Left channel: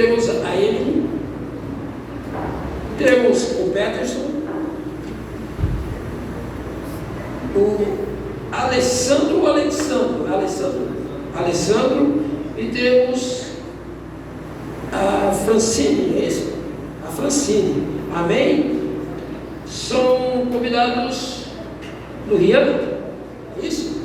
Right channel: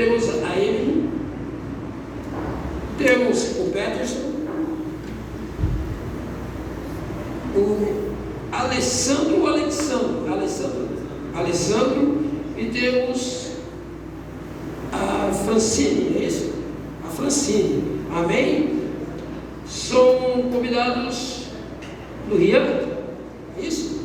temos a Emily, temos o Peterson, o Alessandro, e temos a Francine, é isso? A Francine, amém? São convidados do Rio, é isso?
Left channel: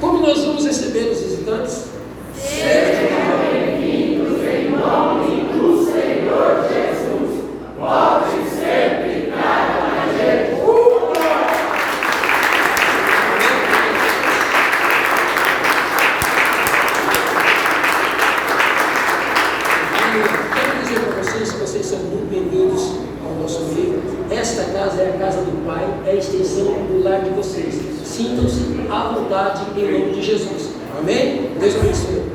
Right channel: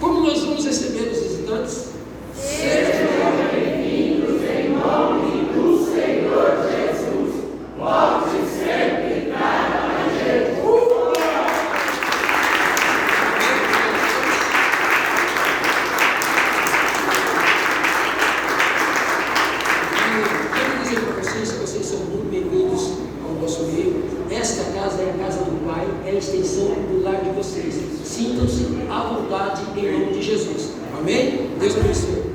Como nós vamos receber os visitantes? Sejam bem-vindos em nome do Senhor Jesus. Volte sempre e traga mais gente. Quero dizer para vocês que vocês são muito bem-vindos ao nosso meio. Esta casa é a casa do Pai, é a extensão do lar de vocês. Sintam-se à vontade em nome de Jesus. Amém? Deus abençoe.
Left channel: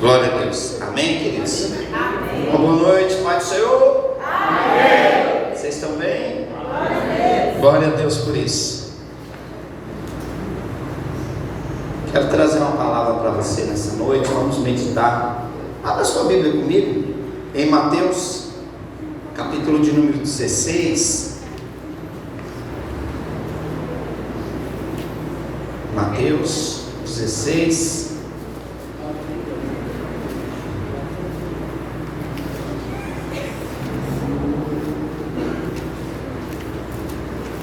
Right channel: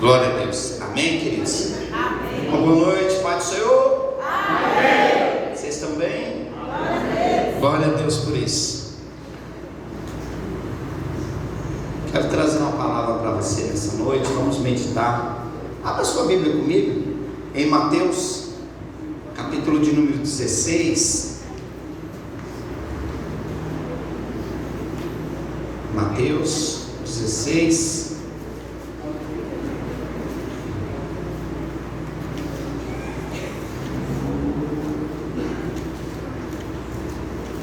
Glória a Deus. Amém, queridos? Amém. Uma boa noite, Pai do Senhor. Amém. Vocês estão bem? Amém. Glória a Deus por isso. Quero trazer uma palavra para você nessa noite. Vamos meditar. Abra sua Bíblia comigo em Mateus, capítulo de número 16. Mateus 16.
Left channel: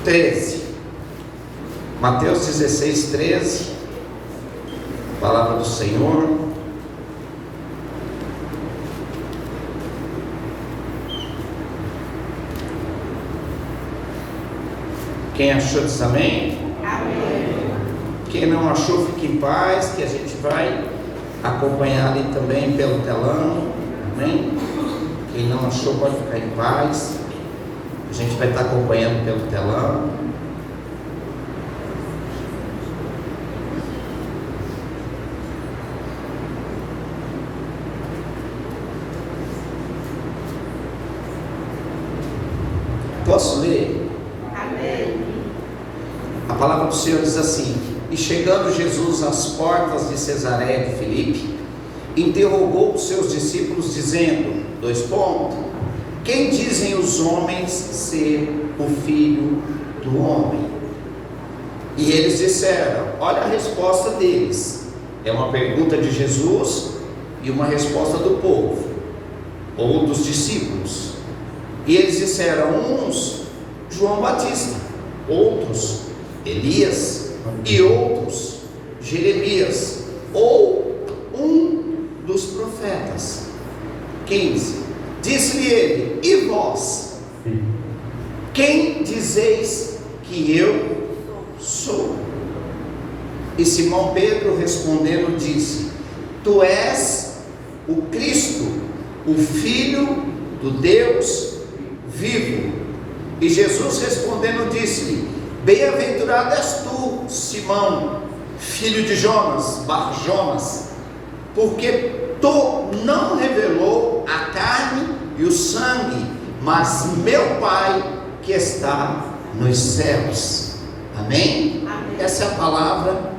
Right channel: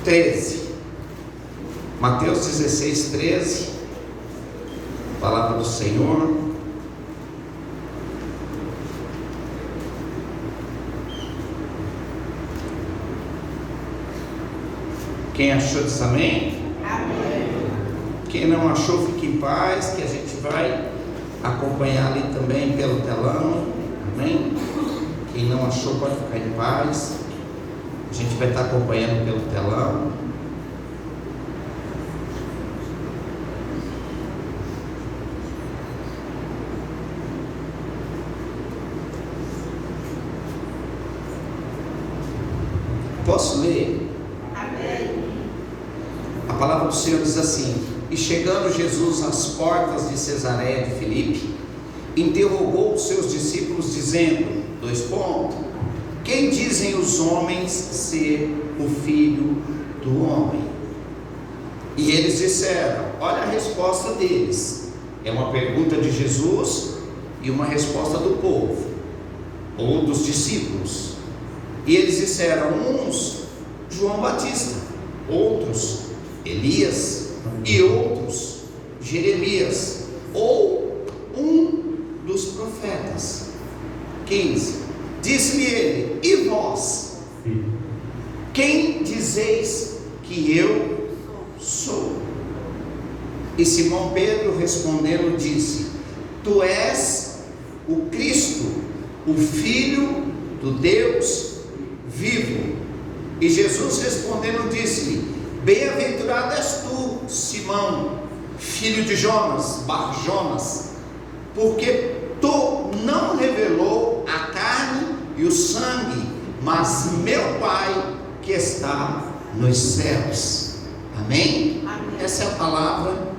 13. Mateus 16, 13. Palavra do Senhor. Quem achou diz amém? Amém. Quem não achou, fique em paz, que a gente vai acompanhar ali também pelo telão. Amém? Quem não achou pode ficar em paz. A gente vai estar acompanhando pelo telão. Posso ler? Amém. A palavra do Senhor diz assim: E chegando Jesus às portas de Cesareia de Filipe, interrogou os seus discípulos, dizendo: Quem dizem os homens ser o Filho do Homem? E eles disseram, olha a resposta deles, é uma pergunta de Jesus e uma resposta do povo, ou dos discípulos. E eles disseram, uns, João Batista, outros, Elias, e outros, Jeremias, ou um dos profetas. 15. Disse-lhe ele, e vós? Quem dizeis que eu sou? E Simão Pedro respondendo disse, Tu és o Cristo, o Filho do Deus vivo. E Jesus respondendo disse-lhe, Bem-aventurado és tu, Simão, filho de Jonas, Bar-Jonas, porque tu não revelou a carne e o sangue, mas meu Pai que está nos céus. Amém? Amém. Essa é a palavra.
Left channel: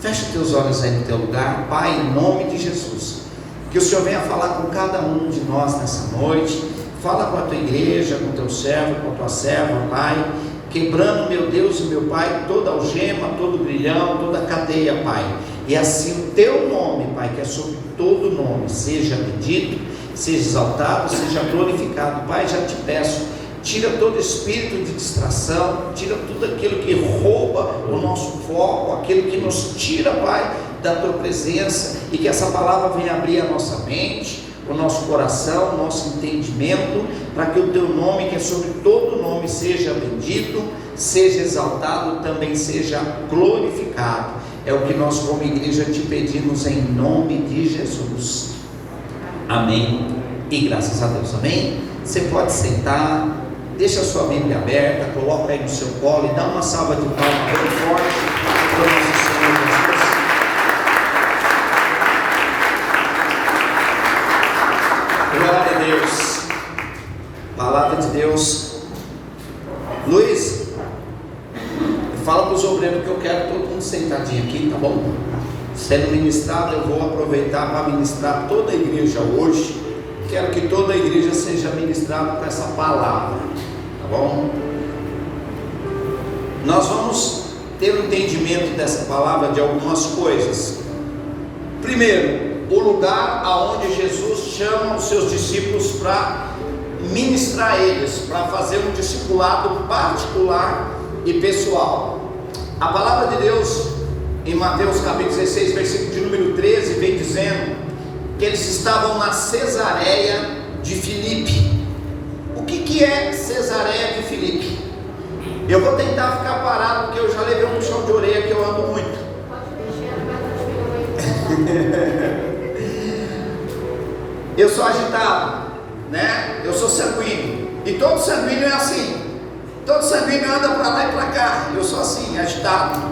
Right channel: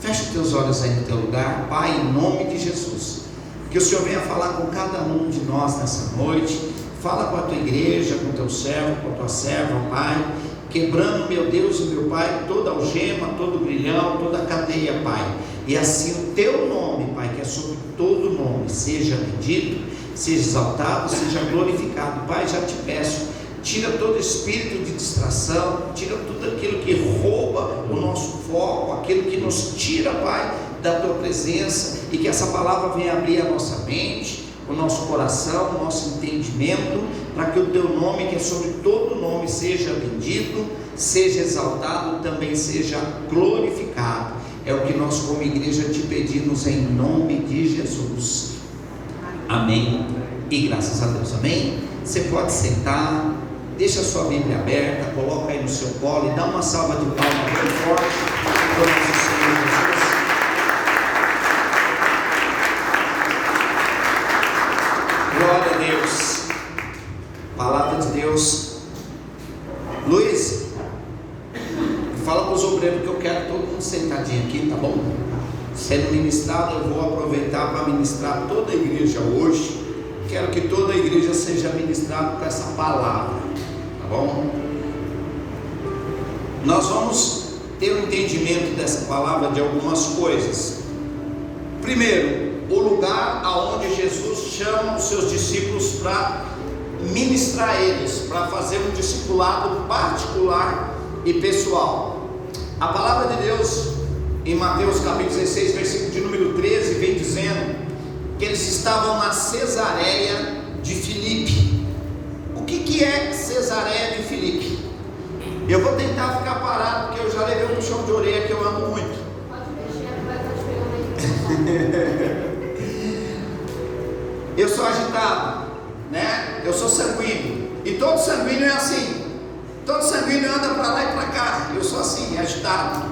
Fecha os teus olhos aí no teu lugar. Pai, em nome de Jesus, que o Senhor venha falar com cada um de nós nessa noite. Fala com a tua igreja, com o teu servo, com a tua serva, Pai, quebrando, meu Deus e meu Pai, toda algema, todo brilhão, toda cadeia, Pai. E assim o teu nome, Pai, que é sobre todo nome, seja bendito, seja exaltado, seja glorificado. Pai, já te peço, tira todo espírito de distração, tira tudo aquilo que rouba o nosso foco, aquilo que nos tira, Pai, da tua presença, e que essa palavra venha abrir a nossa mente, o nosso coração, o nosso entendimento, para que o teu nome, que é sobre todo nome, seja bendito, seja exaltado, também seja glorificado. É o que nós como igreja te pedimos em nome de Jesus. Amém e graças a Deus. Amém? Você pode sentar, deixa a sua Bíblia aberta, coloca aí no seu colo e dá uma salva de palmas bem forte para o nosso Senhor Jesus. Glória a Deus. A palavra de Deus Luiz, fala para os obreiros que eu quero todo mundo sentadinho aqui, tá bom? Sendo ministrado, eu vou aproveitar para ministrar toda a igreja hoje. Quero que toda a igreja seja ministrada com essa palavra, tá bom? Nós vamos ter um entendimento dessa palavra de algumas coisas. Primeiro, o lugar aonde Jesus chama os seus discípulos para ministrar eles, para fazer um discipulado particular e pessoal. A palavra de Deus em Mateus capítulo 16, versículo de número 13, vem dizendo que eles estavam na Cesareia de Filipe. O que é Cesareia de Filipe? Eu vou tentar ficar parado, porque eu já levei um puxão de orelha que eu ando muito. Eu sou agitado, né? Eu sou sanguíneo. E todo sanguíneo é assim. Todo sanguíneo anda para lá e para cá. Eu sou assim, agitado.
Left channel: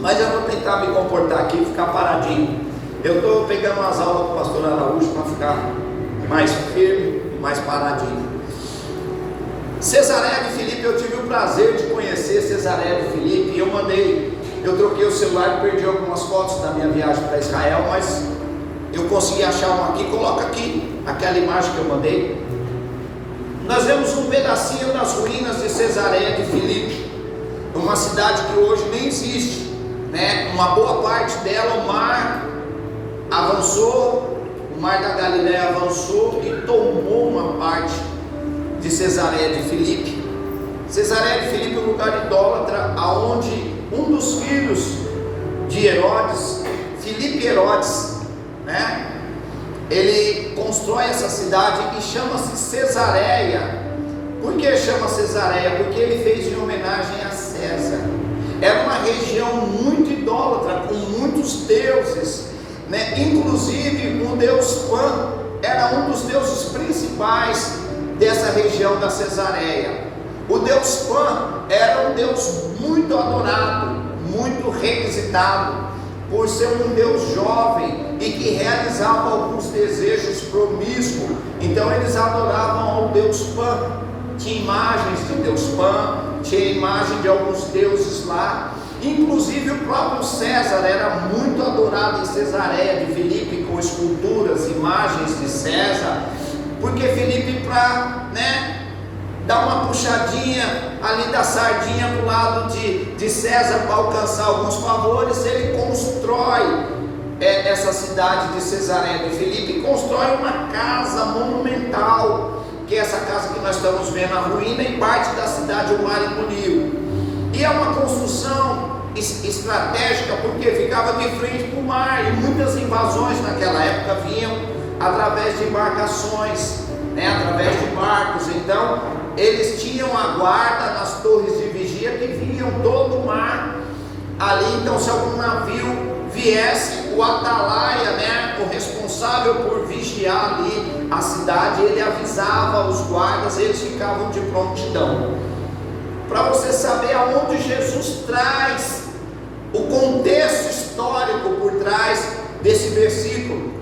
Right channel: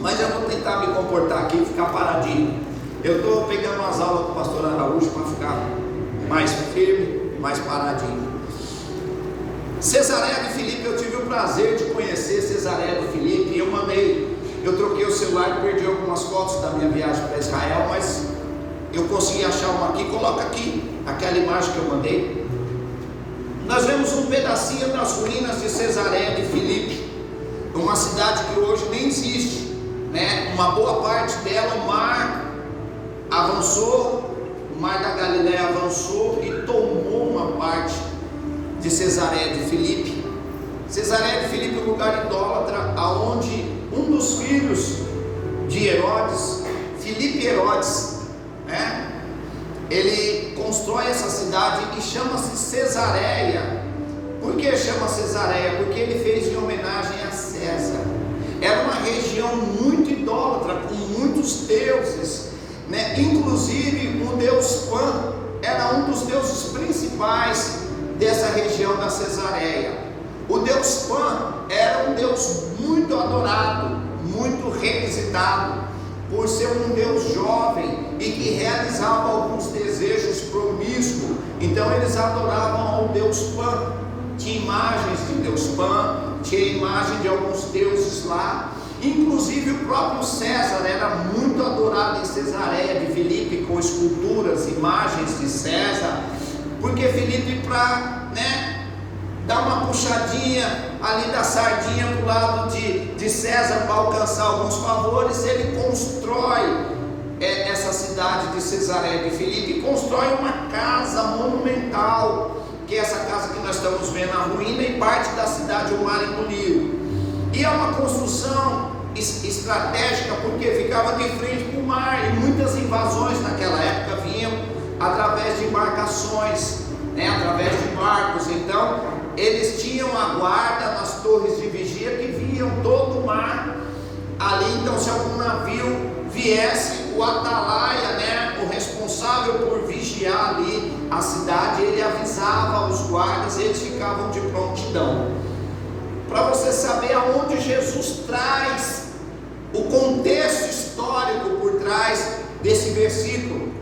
Mas eu vou tentar me comportar aqui e ficar paradinho. Eu estou pegando umas aulas com o pastor Araújo para ficar mais firme, mais paradinho. Cesareia de Filipe, eu tive o prazer de conhecer Cesareia de Filipe. E eu troquei o celular e perdi algumas fotos da minha viagem para Israel, mas eu consegui achar uma aqui. Coloca aqui aquela imagem que eu mandei. Nós vemos um pedacinho das ruínas de Cesareia de Filipe, uma cidade que hoje nem existe, né? Uma boa parte dela, o mar avançou, o mar da Galileia avançou e tomou uma parte de Cesareia de Filipe. Cesareia de Filipe é um lugar idólatra, aonde um dos filhos de Herodes, Filipe Herodes, né? Ele constrói essa cidade e chama-se Cesareia. Por que chama Cesareia? Porque ele fez em homenagem a César. Era uma região muito idólatra, com muitos deuses, né? Inclusive o deus Pan era um dos deuses principais dessa região da Cesareia. O deus Pan era um deus muito adorado, muito requisitado, por ser um Deus jovem e que realizava alguns desejos promíscuos. Então eles adoravam ao Deus Pan. Tinha imagens de Deus Pan, tinha imagem de alguns deuses lá. Inclusive o próprio César era muito adorado em Cesareia de Filipe, com esculturas, imagens de César, porque Filipe, para, né, dar uma puxadinha ali da sardinha para o lado de César, para alcançar alguns favores, ele constrói essa cidade de Cesareia de Filipe, constrói uma casa monumental, que é essa casa que nós estamos vendo, a ruína, e parte da cidade, o mar engoliu. E é uma construção estratégica, porque ficava de frente para o mar, e muitas invasões naquela época vinham através de embarcações, né, através de barcos. Então eles tinham a guarda nas torres de vigia que viam todo o mar ali. Então, se algum navio viesse, o atalaia, né, o responsável por vigiar ali a cidade, ele avisava os guardas, eles ficavam de prontidão. Para você saber aonde Jesus traz o contexto histórico por trás desse versículo,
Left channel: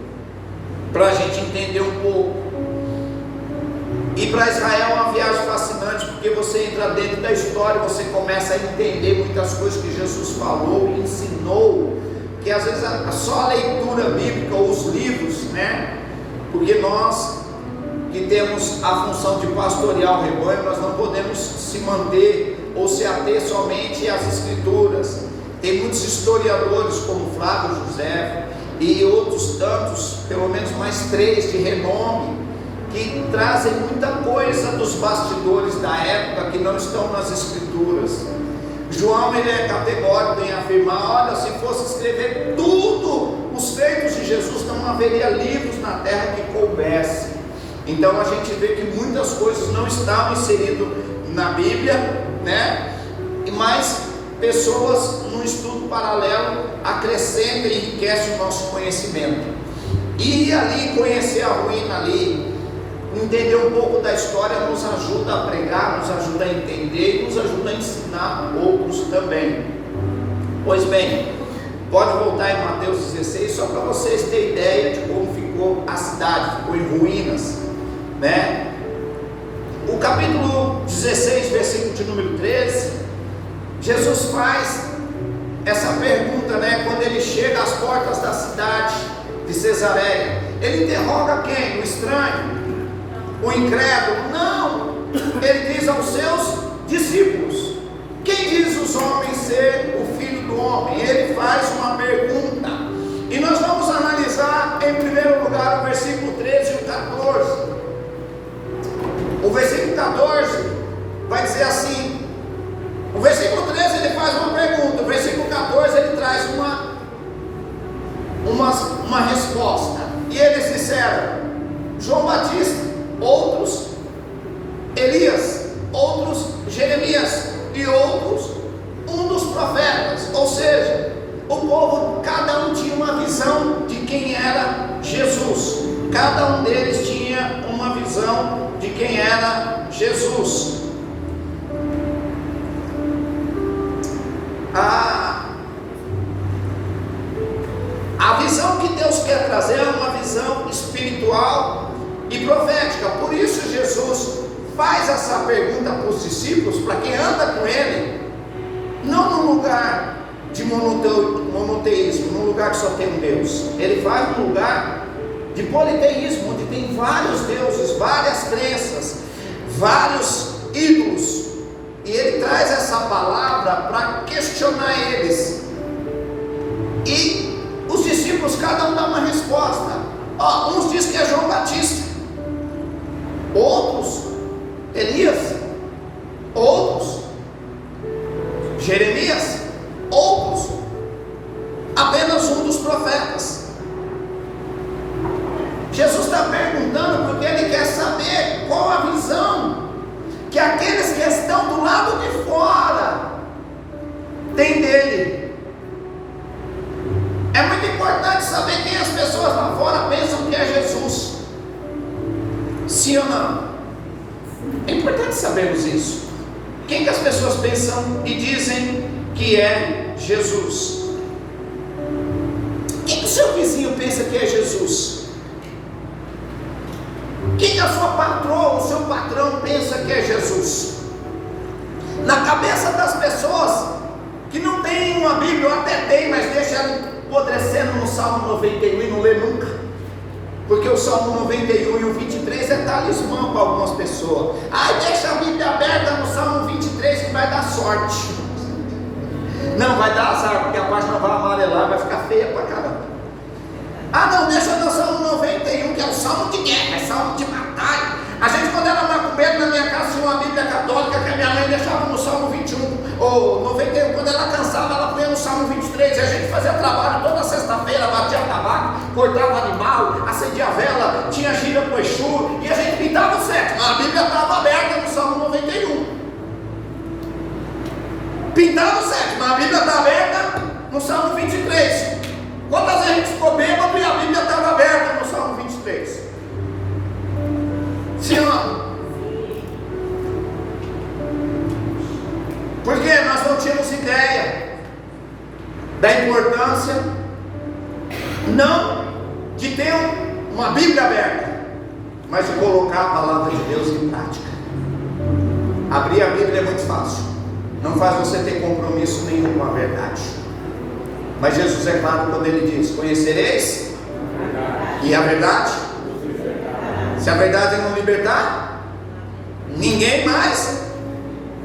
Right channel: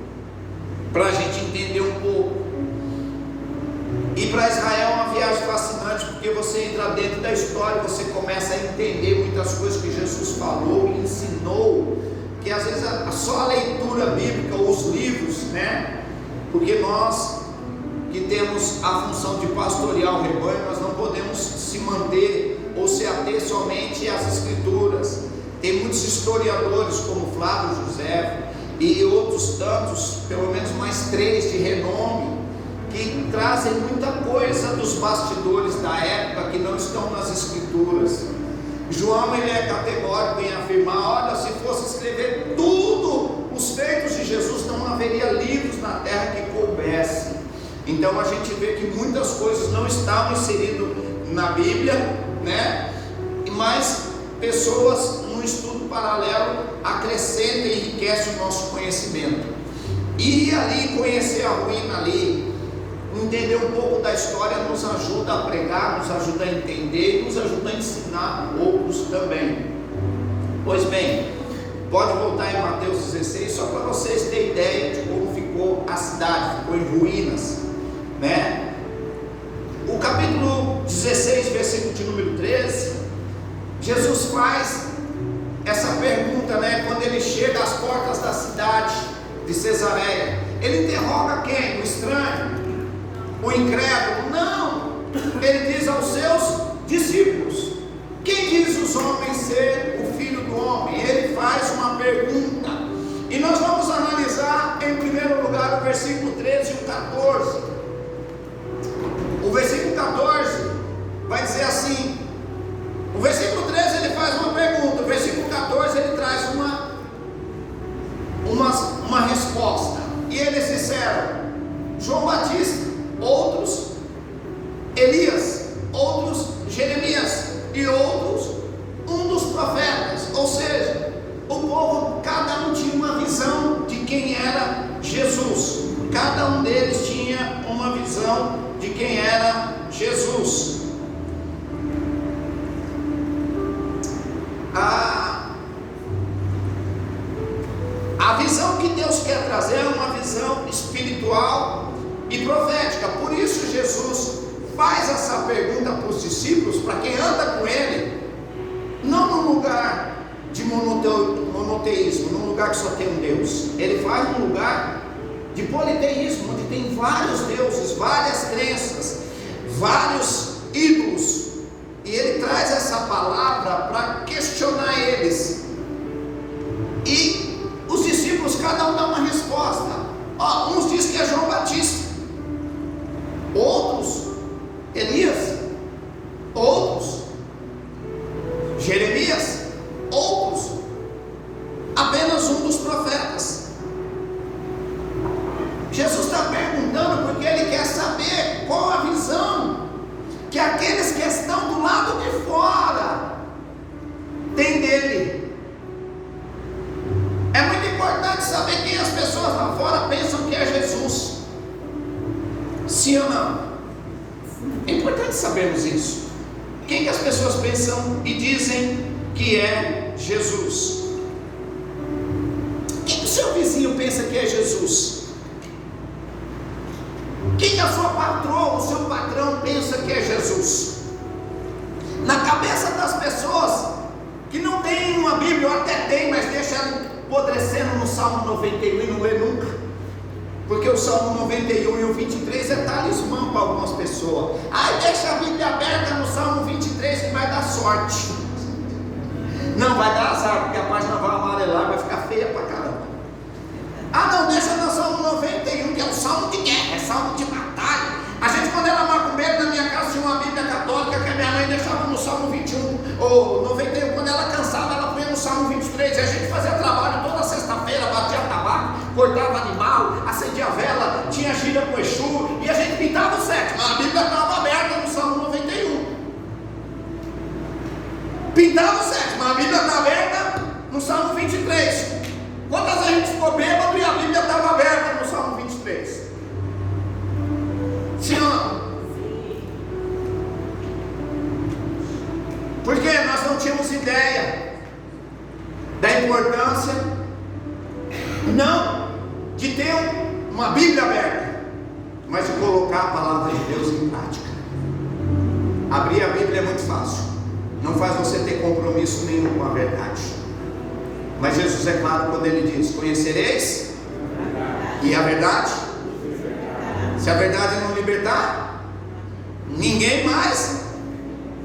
para a gente entender um pouco. E para Israel é uma viagem fascinante, porque você entra dentro da história, você começa a entender muitas coisas que Jesus falou e ensinou, que às vezes só a leitura bíblica ou os livros, né? Porque nós que temos a função de pastorear o rebanho, nós não podemos se manter ou se ater somente às escrituras. Tem muitos historiadores como Flávio José e outros tantos, pelo menos mais 3 de renome, que trazem muita coisa dos bastidores da época que não estão nas escrituras. João, ele é categórico em afirmar: olha, se fosse escrever tudo os feitos de Jesus, não haveria livros na terra que coubesse. Então a gente vê que muitas coisas não estavam inseridas na Bíblia, né? Mas pessoas no estudo paralelo acrescentam e enriquecem o nosso conhecimento. E ali conhecer a ruína ali, entender um pouco da história, nos ajuda a pregar, nos ajuda a entender e nos ajuda a ensinar outros também. Pois bem, pode voltar em Mateus 16, só para vocês terem ideia de como ficou a cidade, ficou em ruínas, né? O capítulo 16, versículo versículo de número 13, Jesus faz essa pergunta, né? Quando ele chega às portas da cidade de Cesareia, ele interroga quem? O estranho? O incrédulo? Não, ele diz aos seus discípulos: quem diz os homens ser o Filho do Homem? Ele faz uma pergunta, e nós vamos analisar em primeiro lugar o versículo 13 e o 14. O versículo 14 vai dizer assim, o versículo 13 ele faz uma pergunta, o versículo 14 ele traz uma resposta, e eles disseram: João Batista, outros Elias, outros Jeremias, e outros um dos profetas. Ou seja, o povo, cada um tinha uma visão de quem era Jesus, cada um deles tinha uma visão de quem era Jesus. A visão que Deus quer trazer é uma visão espiritual e profética. Por isso Jesus faz essa pergunta para os discípulos, para quem anda com ele, não num lugar de monoteísmo, num lugar que só tem um Deus. Ele faz num lugar de politeísmo, onde tem vários deuses, várias crenças, vários ídolos, e ele traz essa palavra para questionar eles, e os discípulos, cada um dá uma resposta. Uns dizem que é João Batista, outros Elias, outros Jeremias, outros apenas um dos profetas. Jesus está perguntando porque ele quer saber qual a visão que aqueles que estão do lado de fora têm dele. É muito importante saber quem as pessoas lá fora pensam que é Jesus. Sim ou não? É importante sabermos isso. Quem que as pessoas pensam e dizem que é Jesus? Quem que o seu vizinho pensa que é Jesus? Quem que a sua patroa, o seu patrão pensa que é Jesus? Na cabeça das pessoas que não tem uma Bíblia, ou até tem, mas deixa ela apodrecendo no Salmo 91 e não lê nunca, porque o Salmo 91 e o 23 é talismã para algumas pessoas. Deixa a Bíblia aberta no Salmo 23 que vai dar sorte. Não, vai dar azar, porque a página vai amarelar, vai ficar feia para caramba. Não, deixa no Salmo 91, que é o Salmo de guerra, é Salmo de batalha. A gente, quando era macumbeiro, na minha casa tinha uma Bíblia católica que a minha mãe deixava no Salmo 21 ou 91, quando ela cansava, ela punha no Salmo 23, e a gente fazia trabalho toda sexta-feira, batia tabaco, cortava animal, acendia vela, tinha gira com Exu, e a gente pintava o sétimo. A Bíblia estava aberta no Salmo 91. Pintava o sétimo, a Bíblia está aberta no Salmo 23. Quantas vezes a gente ficou bêbado e a Bíblia estava aberta no Salmo 23? Sim ou não? Porque nós não tínhamos ideia da importância, não de ter uma Bíblia aberta, mas de colocar a palavra de Deus em prática. Abrir a Bíblia é muito fácil, não faz você ter compromisso nenhum com a verdade. Mas Jesus é claro quando ele diz: conhecereis e a verdade. Se a verdade não libertar, ninguém mais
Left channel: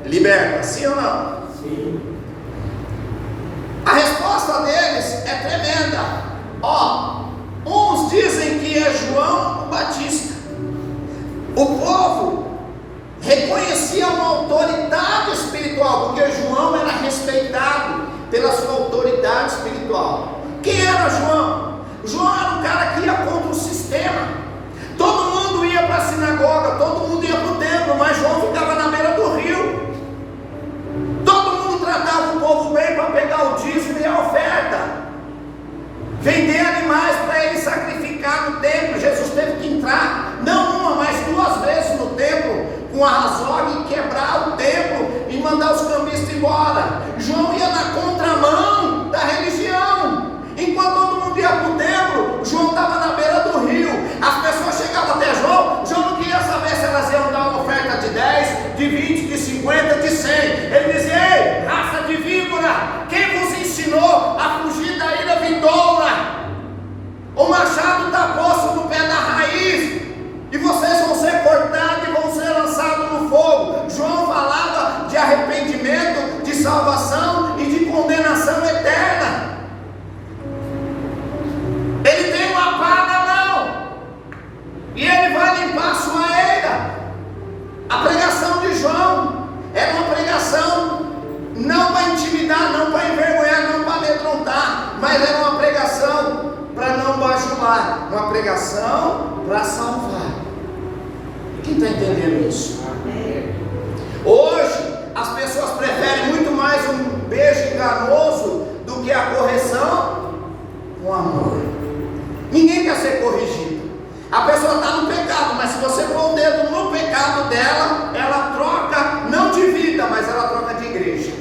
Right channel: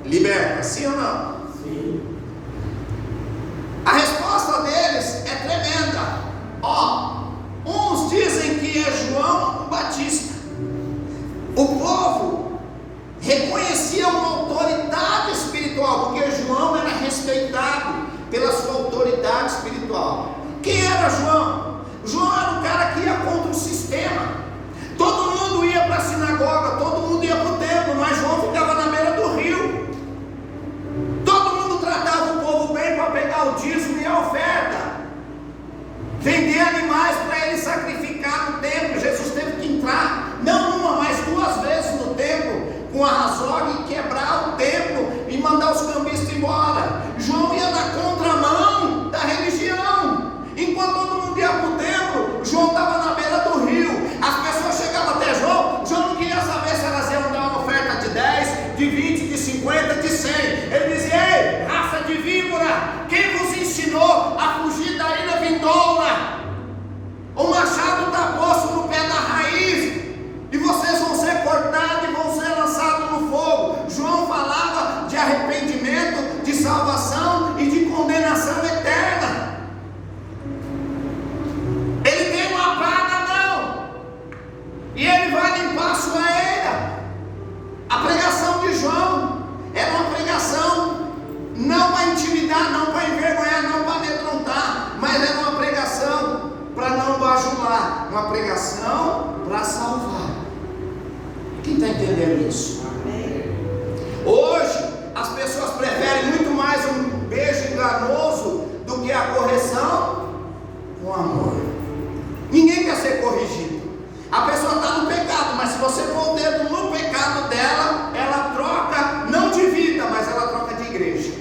liberta. Sim ou não? Sim. A resposta deles é tremenda. Uns dizem que é João Batista. O povo reconhecia uma autoridade espiritual, porque João era respeitado pela sua autoridade espiritual. Quem era João? João era um cara que ia contra o sistema. Todo mundo ia para a sinagoga, todo mundo ia para o templo, mas João ficava na beira do rio. Todo mundo tratava o povo bem para pegar o dízimo e a oferta, vender animais para ele sacrificar no templo. Jesus teve que entrar, não uma, mas 2 vezes no templo, com a razão e quebrar o templo e mandar os cambistas embora. João ia na contramão da religião. Enquanto todo mundo ia para o templo, João estava na beira do rio. As pessoas chegavam até João não queria saber se elas iam dar uma oferta de 10, de uma pregação para salvar. Quem está entendendo isso? Hoje as pessoas preferem muito mais um beijo enganoso do que a correção com amor. Ninguém quer ser corrigido. A pessoa está no pecado, mas se você pôr o dedo no pecado dela, ela troca não de vida, mas ela troca de igreja.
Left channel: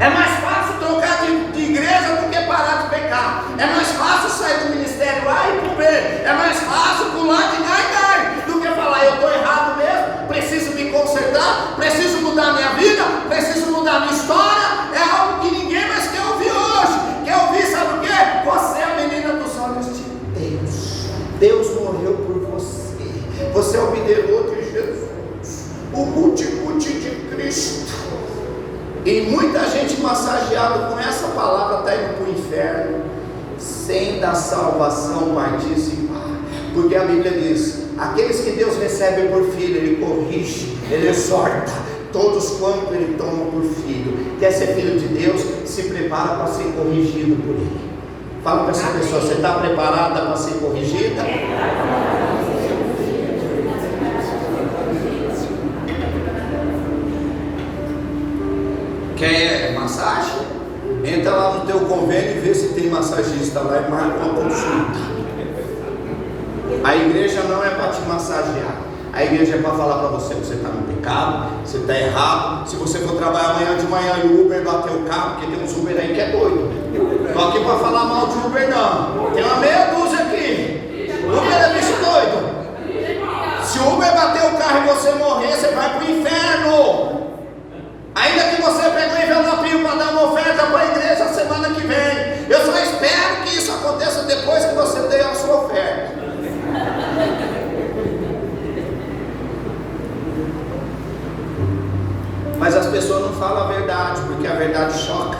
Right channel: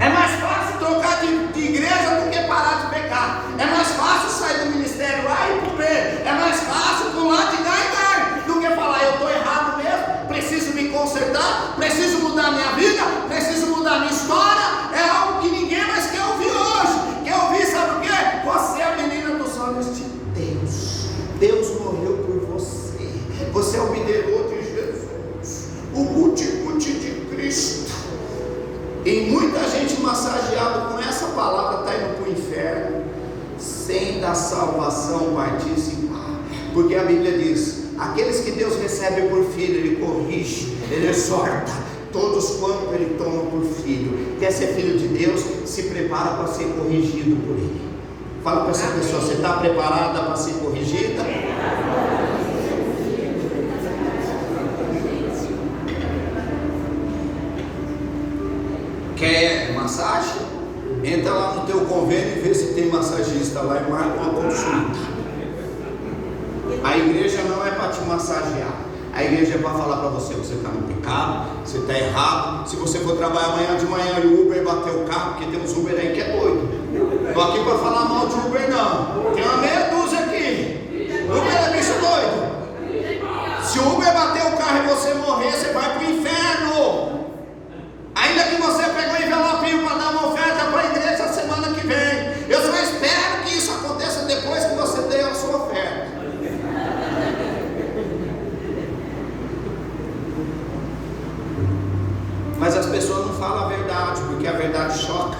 É mais fácil trocar de igreja do que parar de pecar. É mais fácil sair do ministério A e pro B. É mais fácil pular de gai do que falar: eu estou errado mesmo, preciso me consertar, preciso mudar minha vida, preciso mudar minha história. É algo que ninguém mais quer ouvir hoje. Quer ouvir, sabe o quê? Você é a menina dos olhos de Deus. Deus morreu por você. Você é o videiro de Jesus, o guti-guti de Cristo. E muita gente massageada com essa palavra está indo para o inferno, sem da salvação participar. Porque a Bíblia diz: aqueles que Deus recebe por filho, Ele corrige, Ele exorta, todos quanto Ele toma por filho. Quer ser filho de Deus? Se prepara para ser corrigido por Ele. Fala para essa pessoa: você está preparada para ser corrigida? Quer massagem? Entra lá no teu convênio e vê se tem massagista lá e marca uma consulta. A igreja não é para te massagear. A igreja é para falar para você que você está no pecado, você está errado. Se você for trabalhar amanhã de manhã e o Uber bater o carro, porque tem uns Uber aí que é doido. Estou aqui para falar mal de Uber não. Tem uma meia dúzia aqui. Uber é bicho doido. Se o Uber bater o carro e você morrer, você vai para o inferno. Ainda que você pegue um envelopinho para dar uma oferta para a igreja semana que vem. Eu só espero que isso aconteça depois que você dê a sua oferta. Mas as pessoas não falam a verdade, porque a verdade choca.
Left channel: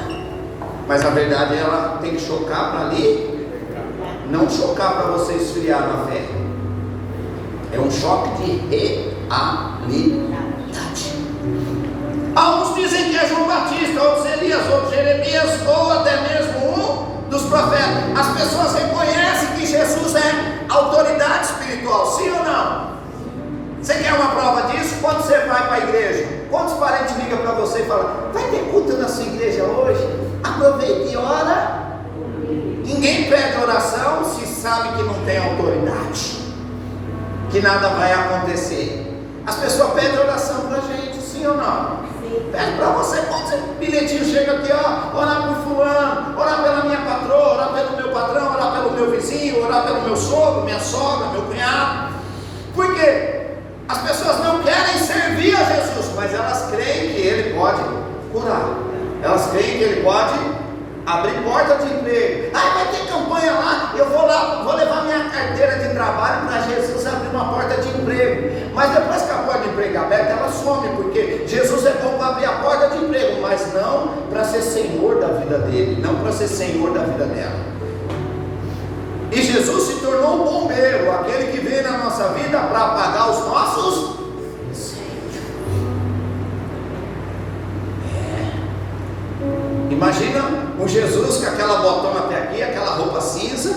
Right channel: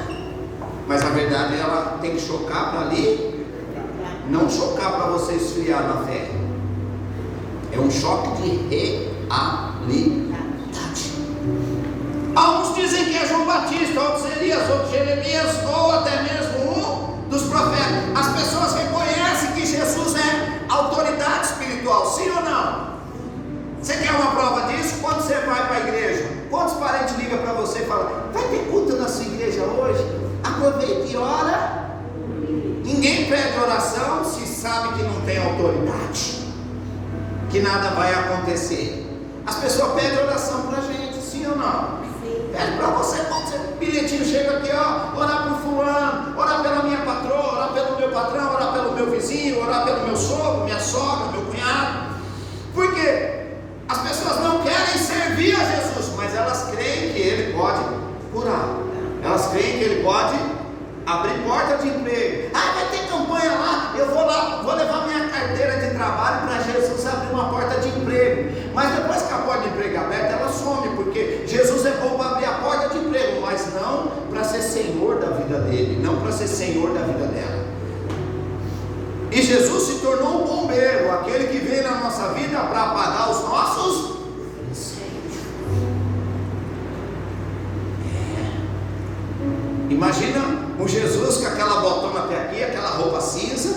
Mas a verdade, ela tem que chocar para ali, não chocar para você esfriar na fé. É um choque de realidade. Alguns dizem que é João Batista, outros Elias, outros Jeremias, ou até mesmo um dos profetas. As pessoas reconhecem que Jesus é autoridade espiritual, sim ou não? Você quer uma prova disso? Quando você vai para a igreja, quantos parentes ligam para você e falam: vai ter culto na sua igreja hoje? Aproveite e ora. Ninguém pede oração se sabe que não tem autoridade, que nada vai acontecer. As pessoas pedem oração para a gente, sim ou não? Pede para você, quando seu bilhetinho chega aqui, ó, orar por fulano, orar pela minha patroa, orar pelo meu patrão, orar pelo meu vizinho, orar pelo meu sogro, minha sogra, meu cunhado. Por quê? As pessoas não querem servir a Jesus, mas elas creem que Ele pode curar. Elas creem que Ele pode abrir porta de emprego. Ah, vai ter campanha lá, eu vou lá, vou levar minha carteira de trabalho para Jesus abrir uma porta de emprego. Mas depois que a porta de emprego é aberta, ela some, porque Jesus é bom para abrir a porta de emprego, mas não para ser Senhor da vida dele, não para ser Senhor da vida dela. E Jesus se tornou um bombeiro, aquele que veio na nossa vida para apagar os nossos incêndios. Imagina um Jesus com aquela botona até aqui, aquela roupa cinza,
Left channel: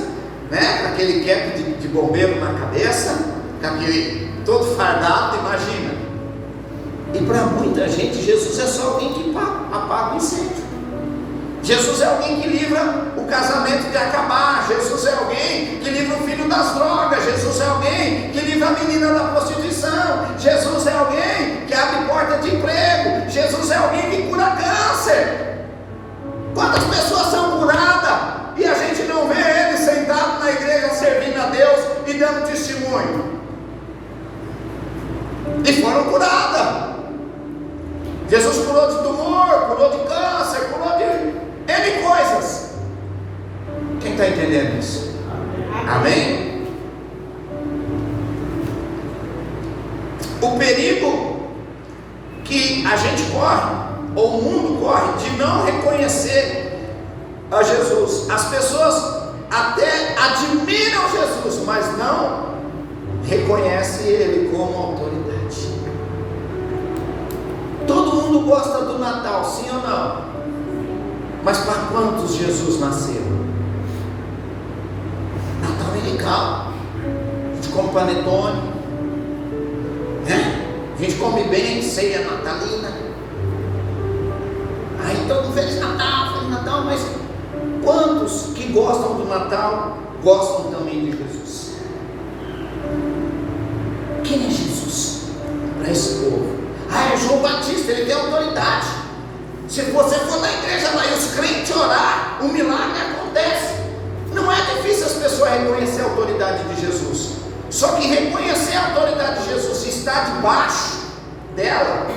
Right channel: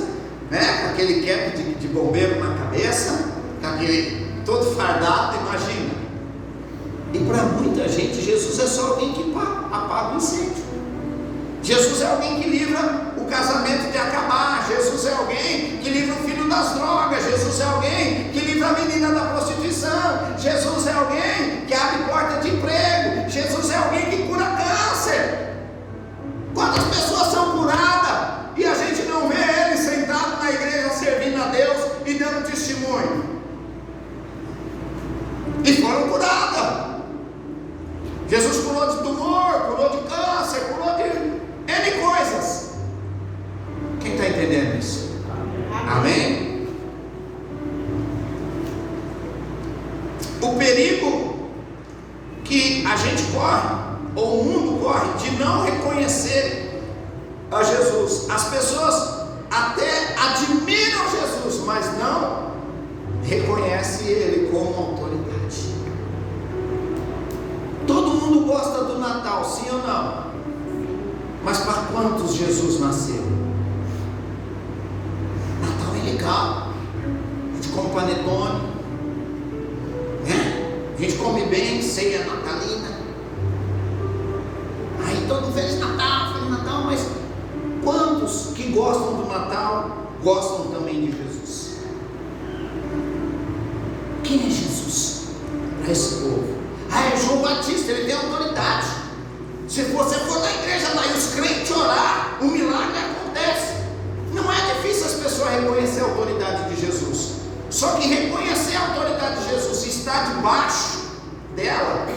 né? Com aquele cap de bombeiro na cabeça, com aquele todo fardado, imagina. E para muita gente, Jesus é só alguém que apaga o incêndio. Jesus é alguém que livra o casamento de acabar. Jesus é alguém que livra o filho das drogas. Jesus é alguém que livra a menina da prostituição. Jesus é alguém que abre porta de emprego. Jesus é alguém que cura câncer. Quantas pessoas são curadas e a gente não vê ele sentado na igreja servindo a Deus e dando testemunho? E foram curadas. Jesus curou de tumor, curou de câncer, curou de N coisas. Quem está entendendo isso? Amém? O perigo que a gente corre, ou o mundo corre, de não reconhecer a Jesus. As pessoas até admiram Jesus, mas não reconhecem Ele como autoridade. Todo mundo gosta do Natal, sim ou não? Mas para quantos Jesus nasceu? Natal é legal. come panetone, né? A gente come bem, ceia natalina. Aí todo Feliz Natal, mas quantos que gostam do Natal gostam também de Jesus? Quem é Jesus para esse povo? É João Batista, ele tem autoridade. Se você for na igreja lá e os crentes orar, um milagre acontece. Não é difícil as pessoas reconhecer a autoridade de Jesus. Só que reconhecer a autoridade de Jesus e estar debaixo dela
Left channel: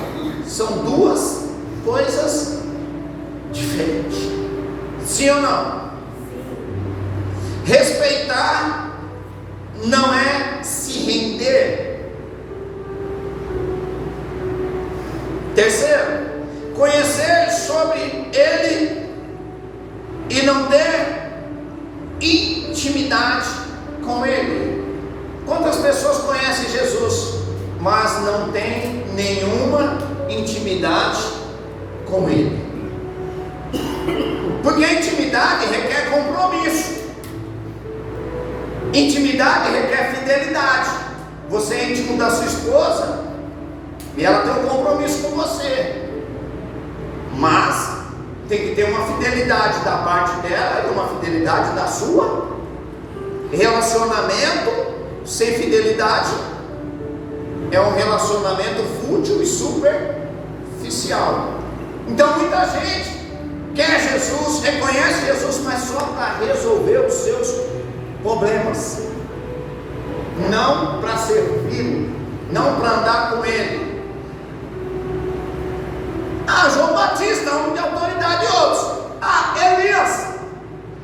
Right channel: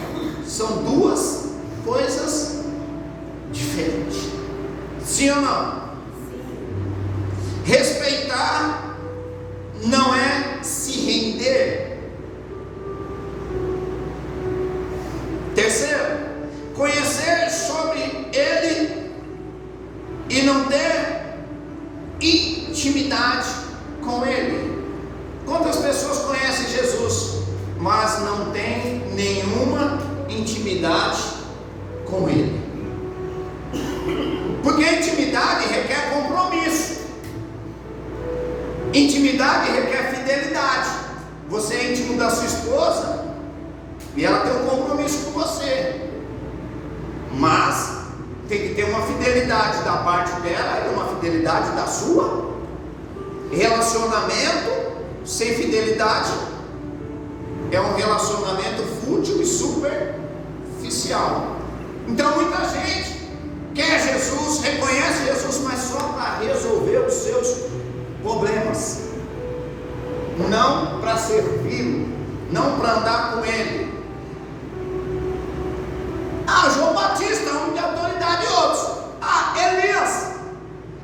são duas coisas diferentes. Sim ou não? Respeitar não é se render. Terceiro, conhecer sobre Ele e não ter intimidade com Ele. Quantas pessoas conhecem Jesus, mas não tem nenhuma intimidade com Ele? Porque a intimidade requer compromisso. Intimidade requer fidelidade. Você é íntimo da sua esposa e ela tem um compromisso com você, mas tem que ter uma fidelidade da parte dela e uma fidelidade da sua. Relacionamento sem fidelidade é um relacionamento fútil e superficial. Então muita gente quer Jesus, reconhece Jesus, mas só para resolver os seus problemas, não para servi-lo, não para andar com Ele. João Batista, homem de autoridade, e outros. Elias.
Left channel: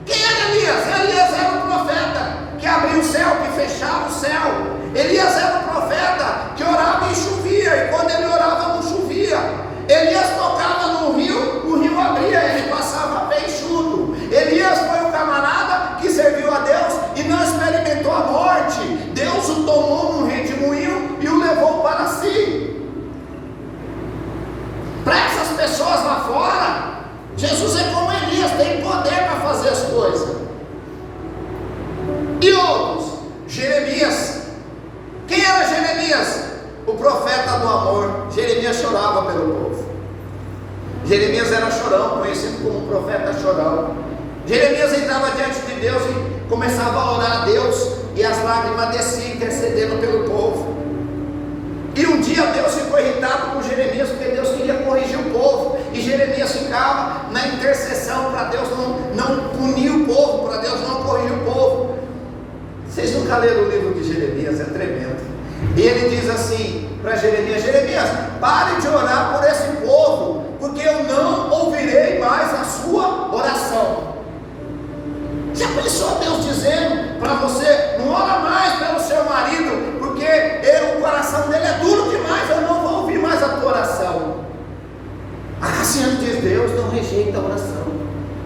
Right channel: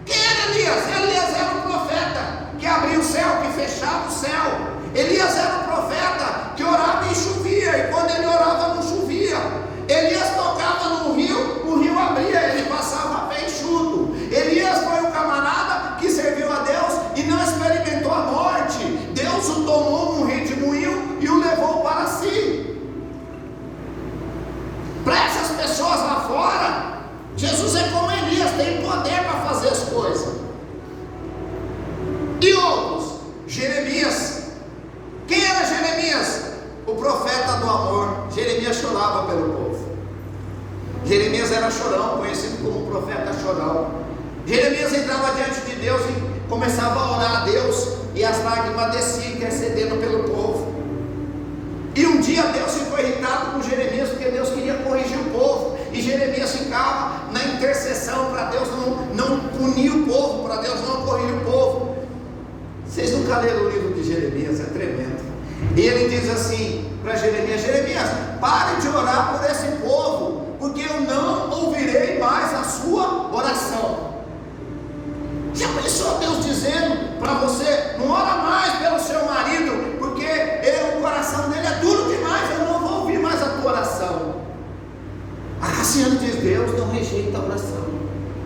Quem era Elias? Elias era o profeta que abria o céu, que fechava o céu. Elias era o profeta que orava e chovia, e quando ele orava não chovia. Elias tocava no rio, o rio abria, ele passava peixudo. Elias foi um camarada que serviu a Deus e não experimentou a morte. Deus o tomou num redemoinho e o levou para si. Para essas pessoas lá fora, Jesus é como Elias, tem poder para fazer as coisas. E outros, Jeremias. Quem era Jeremias? O profeta do amor. Jeremias chorava pelo povo. Jeremias era chorão, conhecido como profeta chorão. Jeremias entrava diante de Deus e começava a orar a Deus, e as lágrimas desciam intercedendo pelo povo. E um dia Deus ficou irritado com Jeremias, porque Deus queria corrigir o povo, e Jeremias ficava na intercessão para Deus não punir o povo, para Deus não corrigir o povo. Vocês nunca leram o livro de Jeremias? É tremendo. E ele diz assim para Jeremias: Jeremias, pare de orar por esse povo, porque eu não ouvirei mais a sua oração. Já pensou Deus dizendo para você: não ora mais pelo seu marido, porque o coração dele é duro demais, eu não vou ouvir mais a tua oração. A Cassiane diz: Deus não rejeita a oração.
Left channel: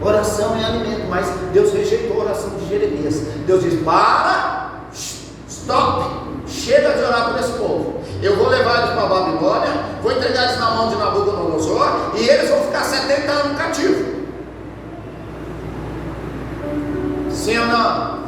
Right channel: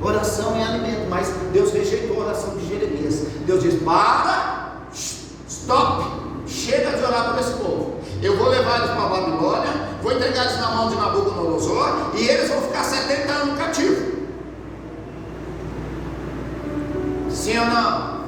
Oração é alimento, mas Deus rejeitou a oração de Jeremias. Deus diz: para, stop, chega de orar por esse povo. Eu vou levar eles para a Babilônia, vou entregar eles na mão de Nabucodonosor, e eles vão ficar 70 anos cativos. Sim ou não?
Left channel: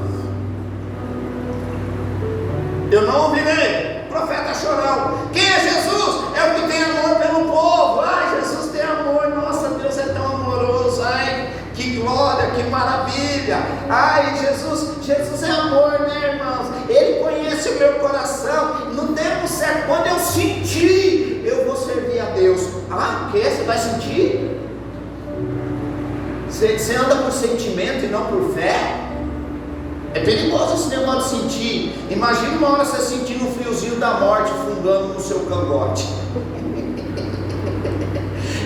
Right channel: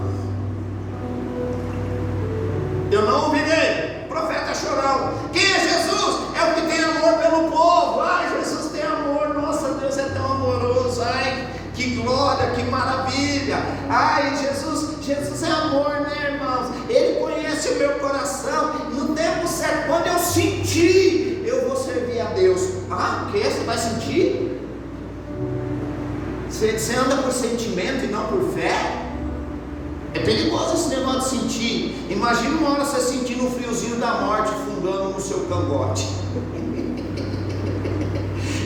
Eu não ouvirei. Profeta chorão. Quem é Jesus? É o que tem amor pelo povo. Ai, Jesus tem amor. Nossa, Deus é tão amoroso. Ai, que glória, que maravilha. Ai, Jesus é amor, né, irmãos? Ele conhece o meu coração. No tempo certo, quando eu sentir, eu vou servir a Deus. Ah, o que? Você vai sentir? Você anda por sentimento e não por fé? É perigoso esse negócio de sentir. Imagina uma hora você sentindo o friozinho da morte fungando no seu cangote.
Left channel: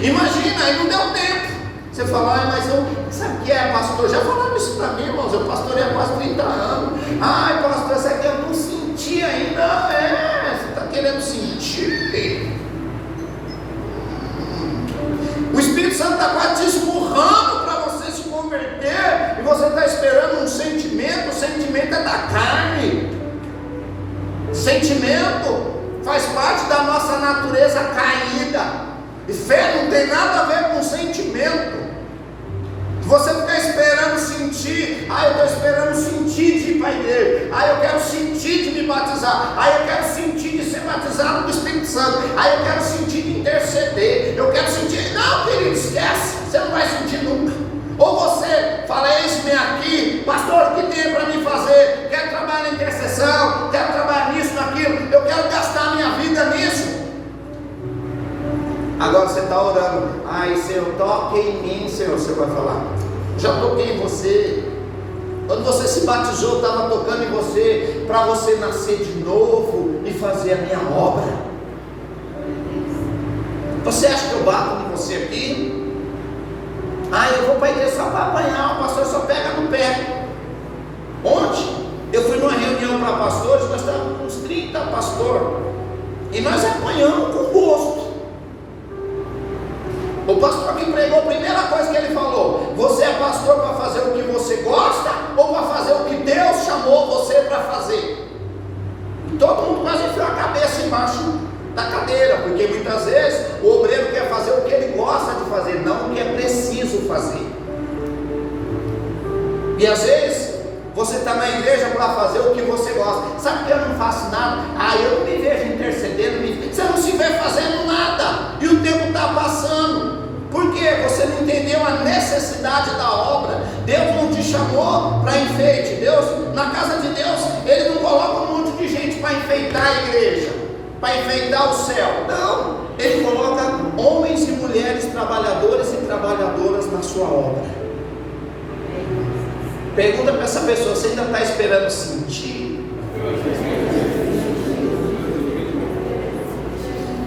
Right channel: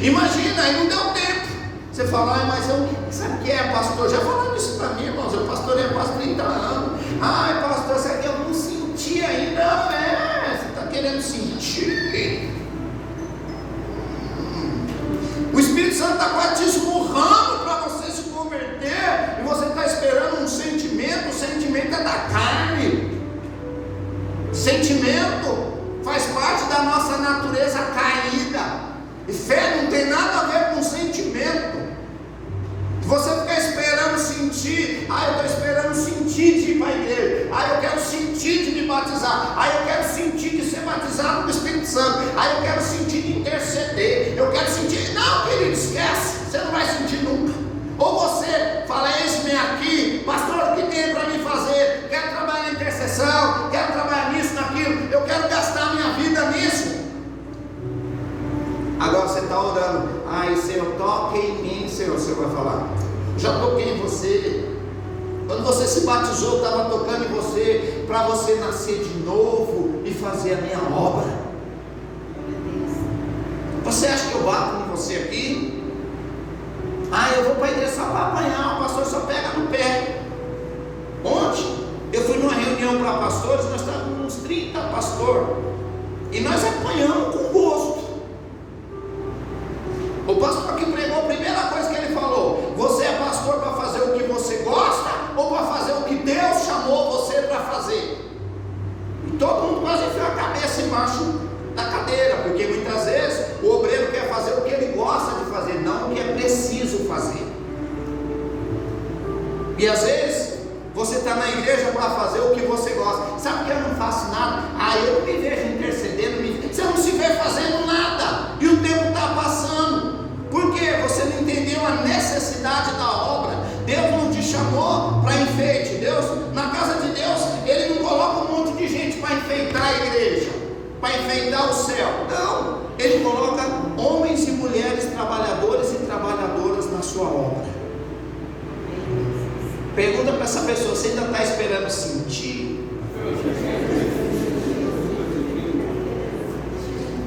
Imagina, aí não deu tempo. Você fala: ai, mas eu, sabe o que é, pastor? Já falaram isso para mim, irmãos. Eu pastorei há quase 30 anos. Ai, pastor, sabe que eu não senti ainda? Não, você está querendo sentir. O Espírito Santo está quase te esmurrando para você se converter, e você está esperando um sentimento. O sentimento é da carne. Sentimento faz parte da nossa natureza caída, e fé não tem nada a ver com sentimento. Você fica esperando sentir: eu estou esperando sentir de ir para para a igreja. Eu quero sentir de me batizar. Eu quero sentir de ser batizado do Espírito Santo. Eu quero sentir de interceder. Eu quero sentir. Não, querido, esquece. Você não vai sentir nunca. Ou você fala: eis-me aqui, pastor, o que tem para me fazer? Quero trabalhar na intercessão, quero trabalhar nisso, naquilo. Eu quero gastar minha vida nisso. Agora você está orando: ai, Senhor, toque em mim, Senhor. Você vai falar: já toquei em você. Quando você se batizou, eu estava tocando em você, para você nascer de novo e fazer a minha obra. Você acha que eu bato em você aqui? Eu vou para a igreja só para apanhar, o pastor só pega no pé. Ontem, eu fui numa reunião para pastores, nós estávamos uns 30 pastores, e nós apanhamos com gosto. O pastor que pregou, a primeira coisa que ele falou: você é pastor para fazer o que você gosta ou para fazer o que Deus chamou você para fazer? E todo mundo quase enfiou a cabeça embaixo da cadeira, porque muitas vezes o obreiro quer fazer o que ele gosta de fazer, não o que é preciso fazer. E às vezes você está na igreja para fazer o que você gosta. Sabe que eu não faço nada? Eu não me vejo intercedendo. Você não se vê fazendo nada, e o tempo está passando. Por quê? Você não entendeu a necessidade da obra. Deus não te chamou para enfeite. Deus, na casa de Deus, Ele não coloca um monte de gente para enfeitar a igreja, para enfeitar o céu. Não, Ele coloca homens e mulheres, trabalhadores e trabalhadoras na sua obra. Pergunta para essa pessoa: você ainda está esperando sentir?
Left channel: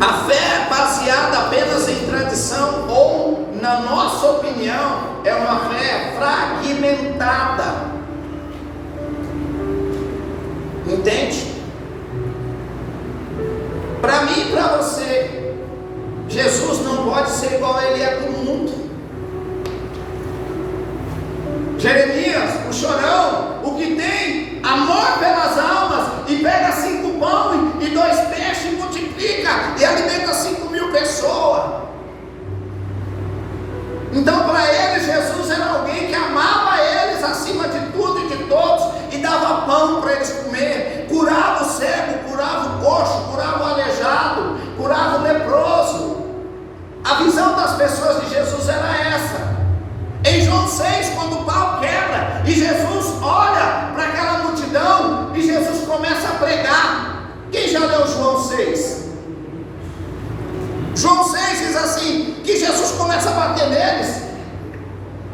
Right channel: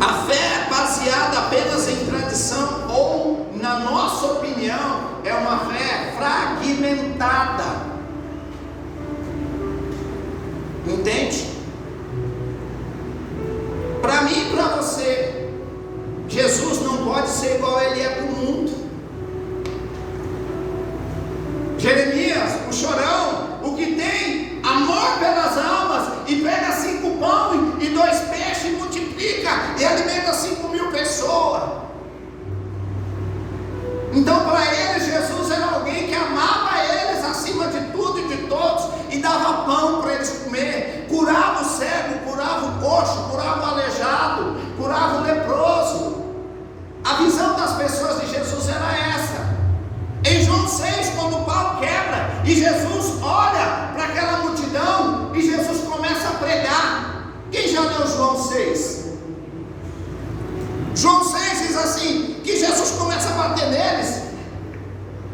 A fé baseada apenas em tradição ou na nossa opinião é uma fé fragmentada. Entende? Para mim e para você, Jesus não pode ser igual Ele é para o mundo. Jeremias, o chorão, o que tem amor pelas almas, e pega 5 pão e 2 peixes e multiplica e alimenta 5.000 pessoas. Então, para ele, Jesus era alguém que amava eles acima de tudo e de todos, e dava pão para eles comer, curava o cego, curava o coxo, curava o aleijado, curava o leproso. A visão das pessoas de Jesus era essa. Em João 6, quando o pau quebra e Jesus olha para aquela multidão e Jesus começa a pregar. Quem já leu João 6? João 6 diz assim, que Jesus começa a bater neles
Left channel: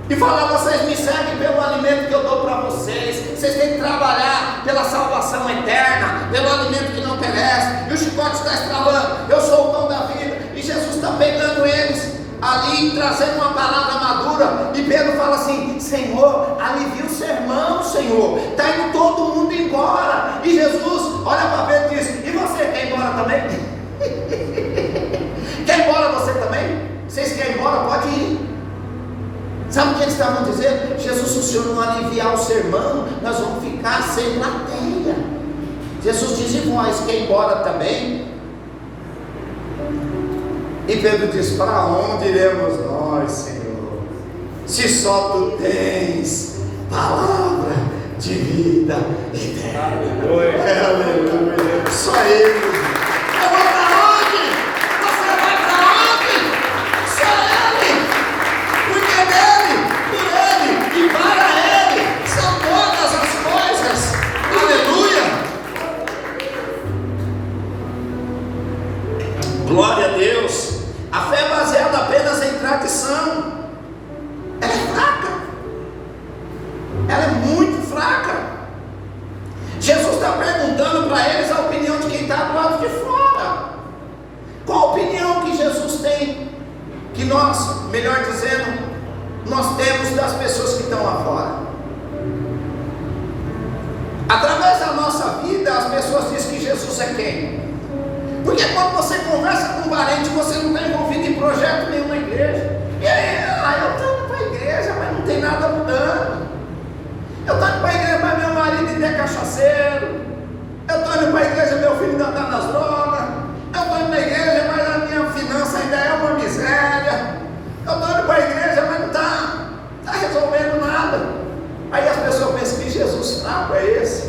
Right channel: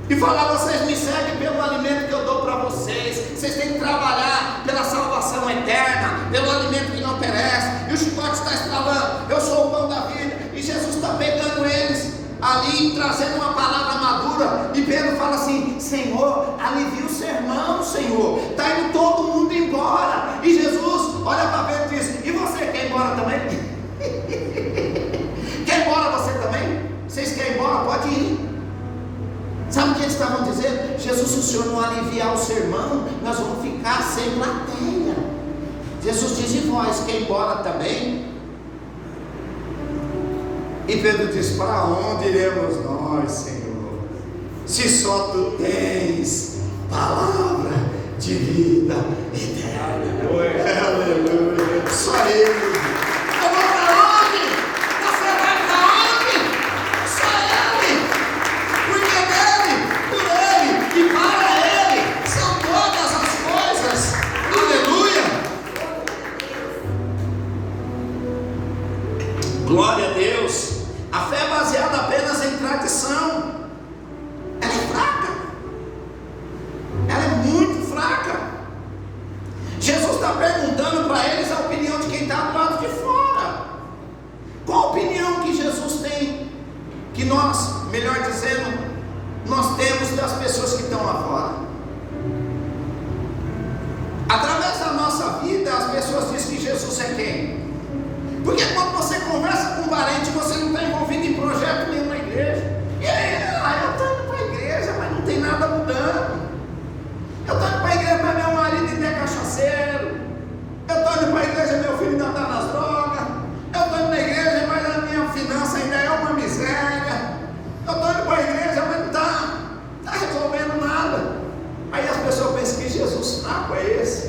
e falar: vocês me seguem pelo alimento que eu dou para vocês. Vocês têm que trabalhar pela salvação eterna, pelo alimento que não perece. E o chicote está estralando: eu sou o pão da vida. E Jesus está pegando eles ali, trazendo uma palavra madura. E Pedro fala assim: Senhor, alivia o sermão, Senhor, está indo todo mundo embora. E Jesus olha para Pedro e diz: e você quer ir embora também? Quer ir embora você também? Vocês querem ir embora? Pode ir. Sabe o que eles estavam dizendo? Jesus, se o Senhor não aliviar o sermão, nós vamos ficar sem plateia. Jesus diz: e vós quer ir embora também? E Pedro diz: para onde iremos nós, Senhor, se só Tu tens palavra de vida eterna? Aleluia. Só Ele. Eu vou para onde? Você vai para onde? Só Ele. Porque dele, por Ele e para Ele são todas as coisas. Aleluia. Glória a Deus. A fé é baseada apenas em tradição. Ela é fraca. Ela é muito fraca. Jesus está perguntando para eles a opinião de quem está do lado de fora. Qual a opinião que Jesus tem? Que nós, melhor dizendo, nós temos das pessoas que estão lá fora. Através da nossa vida, as pessoas dizem que Jesus é quem? Porque quando você conversa com um parente, você não está envolvido em projeto nenhum na igreja. E aí, eu estou indo para a igreja, mas não tem nada mudando. Eu estou indo para a igreja, mas meu marido ainda é cachaceiro. Eu estou indo para a igreja, meu filho ainda está nas drogas. Eu estou indo na igreja, mas a minha finança ainda é uma miséria. Eu estou indo para a igreja, mas não está resolvendo nada. Aí as pessoas pensam: que Jesus fraco é esse?